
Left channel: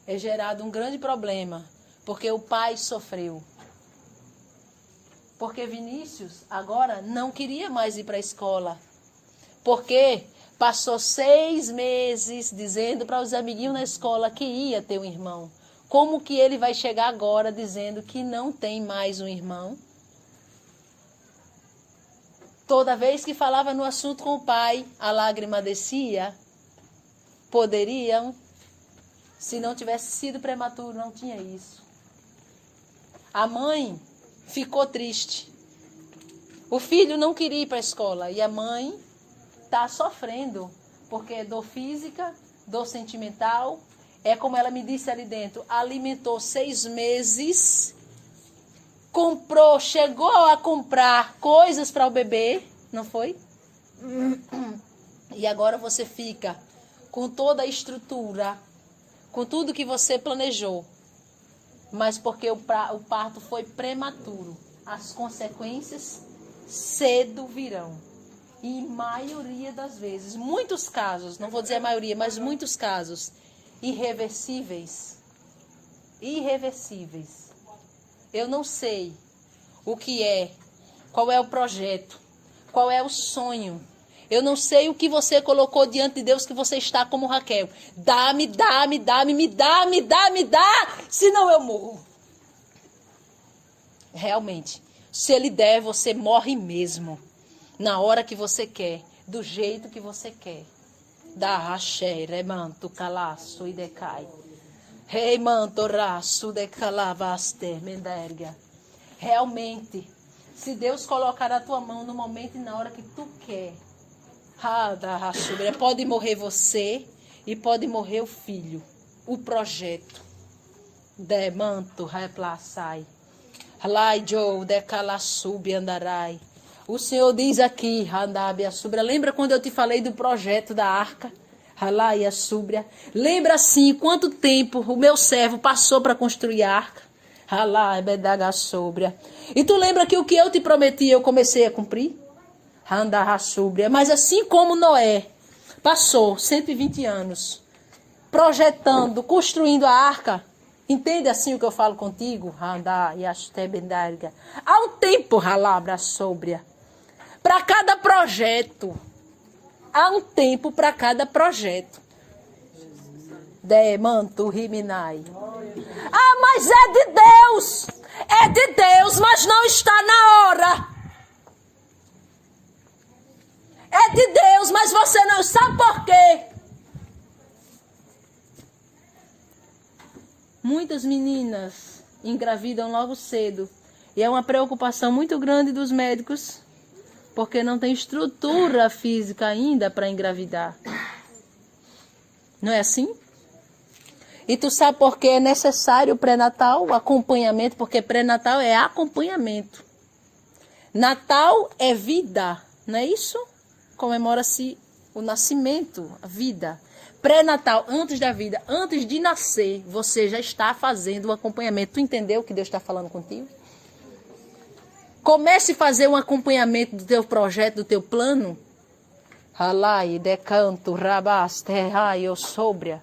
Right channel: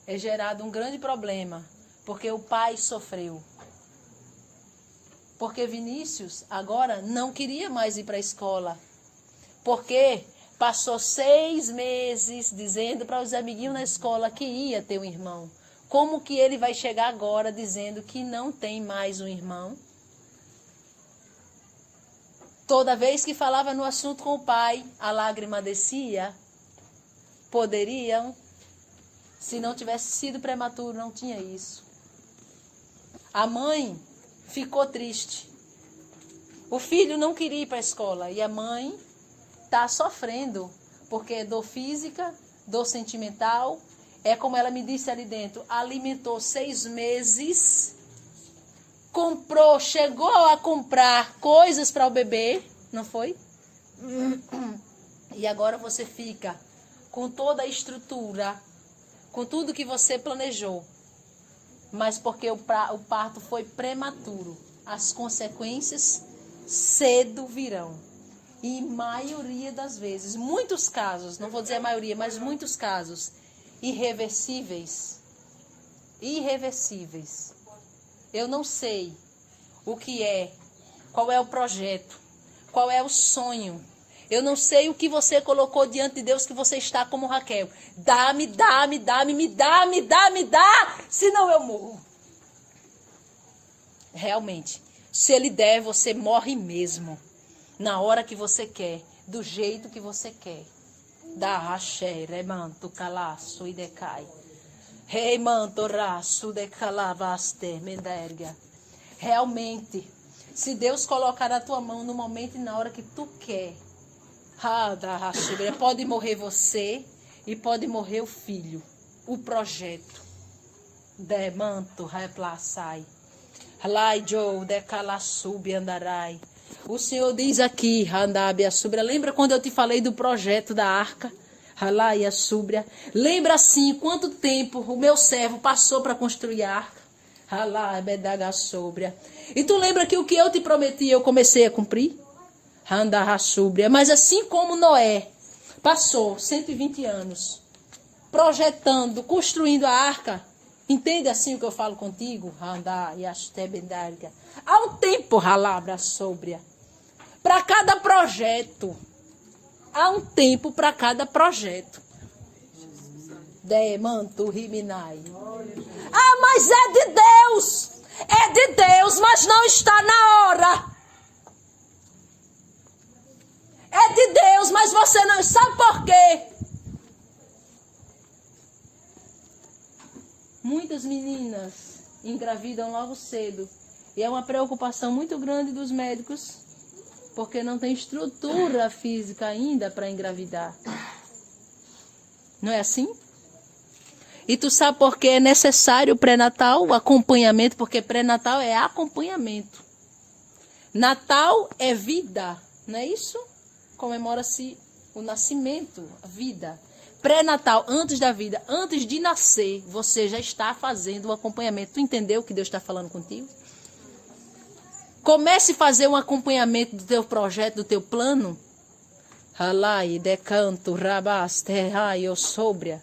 é gerado um grande problema, porque o pai sofreu. Porque Vinícius agora não queria mais ir para a escola. Porque passou 6 meses dizendo para os amiguinhos na escola que ia ter um irmão. Como que ele vai chegar agora dizendo que não tem mais um irmão? Toda vez que falava no assunto com o pai, a lágrima descia. Poderiam, se não tivesse sido prematuro, não tinha isso. A mãe ficou triste. O filho não queria ir para a escola e a mãe está sofrendo, porque é dor física, dor sentimental. É como ela me disse ali dentro, alimentou 6 meses, comprou, chegou a comprar coisas para o bebê, não foi? E agora você fica com toda a estrutura, com tudo que você planejou, mas porque o parto foi prematuro, as consequências cedo virão. E maioria das vezes, muitos casos, não vou dizer a maioria, mas muitos casos, irreversíveis. Irreversíveis. Eu não sei o que é, qual é o projeto, qual é o sonho. Eu não sei o que você colocou diante de Deus, que você está como Raquel. Dá-me, dá-me, dá-me, me dá, me dá, me dá, senão eu morro. Realmente, se ele der, você morre mesmo. Na hora que você quer, do jeito que você quer. Da raché, remanto, calaço e decai. Rei manto, raço, decalavaste, menderga. Realmente, se Deus colocar na tua mão no momento e na hora que tu quer, pode morrer você e pode morrer o filho, o projeto. Demanto, replaçai. Lai Joe, decalaçubi andarai. O Senhor diz aqui, Handabia Súbria, lembra quando eu te falei do projeto da arca? Halaia Súbria. Lembra assim quanto tempo o meu servo passou para construir a arca? Halaia Bedaga Súbria. E tu lembra que o que eu te prometi eu comecei a cumprir? Handabia Súbria. Mas assim como Noé passou 120 anos projetando, construindo a arca, entende assim o que eu falo contigo? Handabia Súbria. Há um tempo, Halabra Súbria. Para cada projeto. Há um tempo para cada projeto. Demanto riminai. Ah, mas é de Deus. É de Deus, mas não está na hora. É de Deus, mas você não sabe por quê. Muitas meninas engravidam logo cedo. E é uma preocupação muito grande dos médicos, porque não tem estrutura física ainda para engravidar. Não é assim? E tu sabe por que é necessário o pré-natal, o acompanhamento, porque pré-natal é acompanhamento. Natal é vida, não é isso? Comemora-se o nascimento, a vida. Pré-natal, antes da vida, antes de nascer, você já está fazendo o acompanhamento. Tu entendeu o que Deus está falando contigo? Comece a fazer um acompanhamento do teu projeto, do teu plano. Halai, decanto, rabaste, raio, sobria.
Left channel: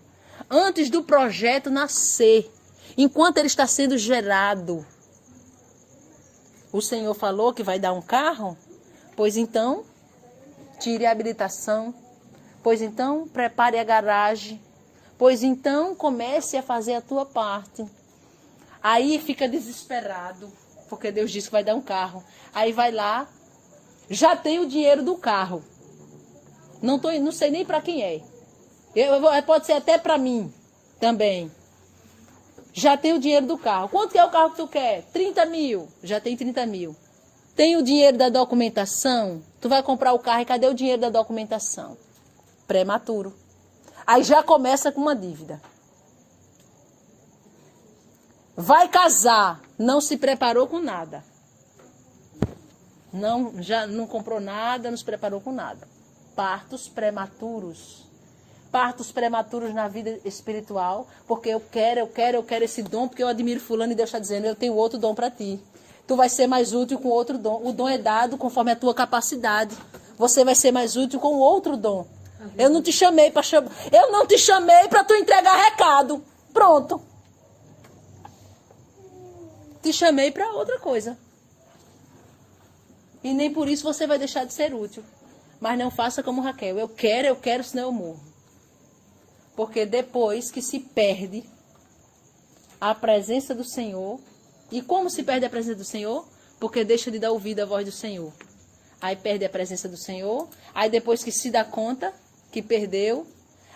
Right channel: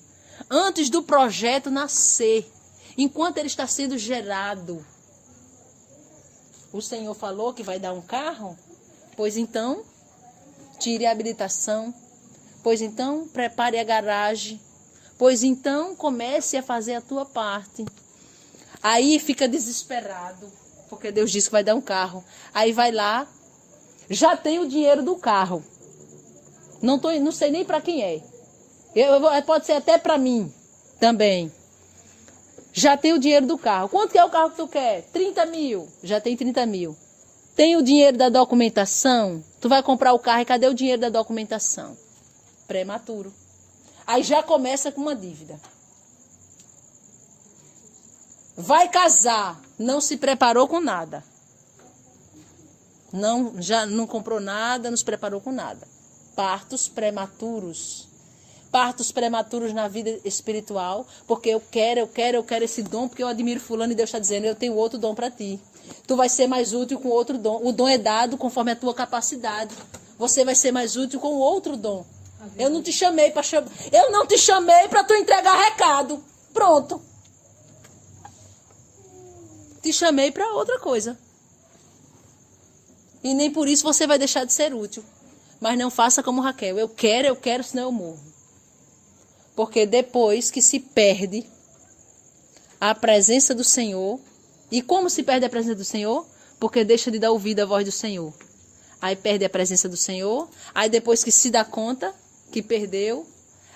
Antes do projeto nascer. enquanto ele está sendo gerado. O Senhor falou que vai dar um carro? Pois então, tire a habilitação. Pois então, prepare a garagem. Pois então, comece a fazer a tua parte. Aí fica desesperado, porque Deus disse que vai dar um carro. Aí vai lá, já tem o dinheiro do carro. Não sei nem para quem é. Pode ser até para mim também. Já tem o dinheiro do carro. Quanto que é o carro que tu quer? 30 mil. Já tem 30 mil. Tem o dinheiro da documentação? Tu vai comprar o carro e cadê o dinheiro da documentação? Prematuro. Aí já começa com uma dívida. Vai casar, não se preparou com nada. Já não comprou nada, não se preparou com nada. Partos prematuros. Partos prematuros na vida espiritual, porque eu quero esse dom, porque eu admiro fulano e Deus está dizendo, eu tenho outro dom para ti. Tu vai ser mais útil com outro dom. O dom é dado conforme a tua capacidade. Você vai ser mais útil com outro dom. Eu não te chamei para tu entregar recado. Pronto. Te chamei para outra coisa. E nem por isso você vai deixar de ser útil. Mas não faça como Raquel. Eu quero, senão eu morro. Porque depois que se perde a presença do Senhor. E como se perde a presença do Senhor? Porque deixa de dar ouvido à voz do Senhor. Aí perde a presença do Senhor. Aí depois que se dá conta que perdeu,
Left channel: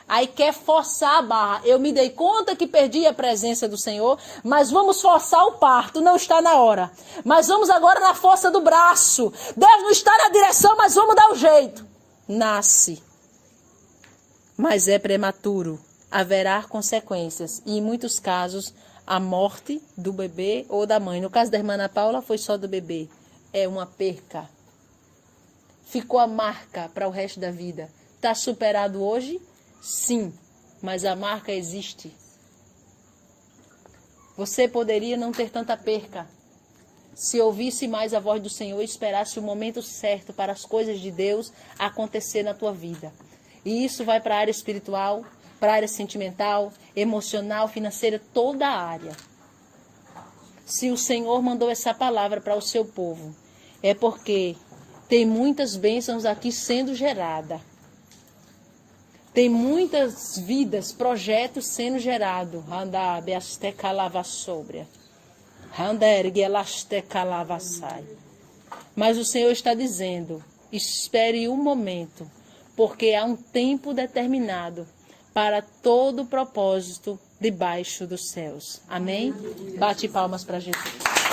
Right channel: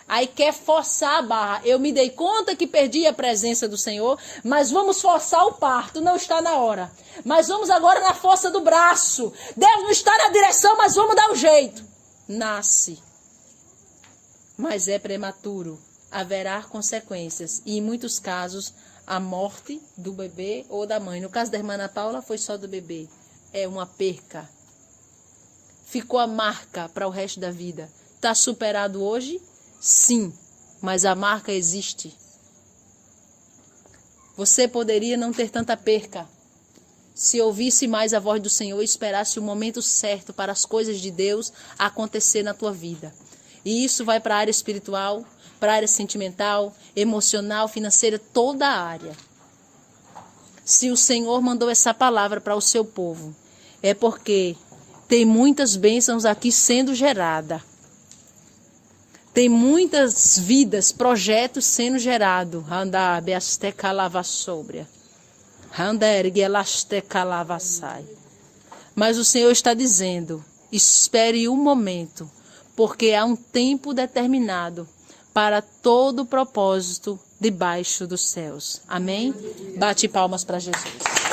aí quer forçar a barra. Eu me dei conta que perdi a presença do Senhor, mas vamos forçar o parto. Não está na hora. Mas vamos agora na força do braço. Deus não está na direção, mas vamos dar um jeito. Nasce. Mas é prematuro. Haverá consequências. E em muitos casos, a morte do bebê ou da mãe. No caso da irmã Ana Paula, foi só do bebê. É uma perca. Ficou a marca para o resto da vida. Está superado hoje? Sim, mas a marca existe. Você poderia não ter tanta perca se ouvisse mais a voz do Senhor e esperasse o momento certo para as coisas de Deus acontecer na tua vida. E isso vai para a área espiritual, para a área sentimental, emocional, financeira, toda a área. Se o Senhor mandou essa palavra para o seu povo, é porque tem muitas bênçãos aqui sendo geradas. Tem muitas vidas, projetos sendo gerados. Mas o Senhor está dizendo, espere um momento, porque há um tempo determinado para todo propósito debaixo dos céus. Amém? Bate palmas para Jesus.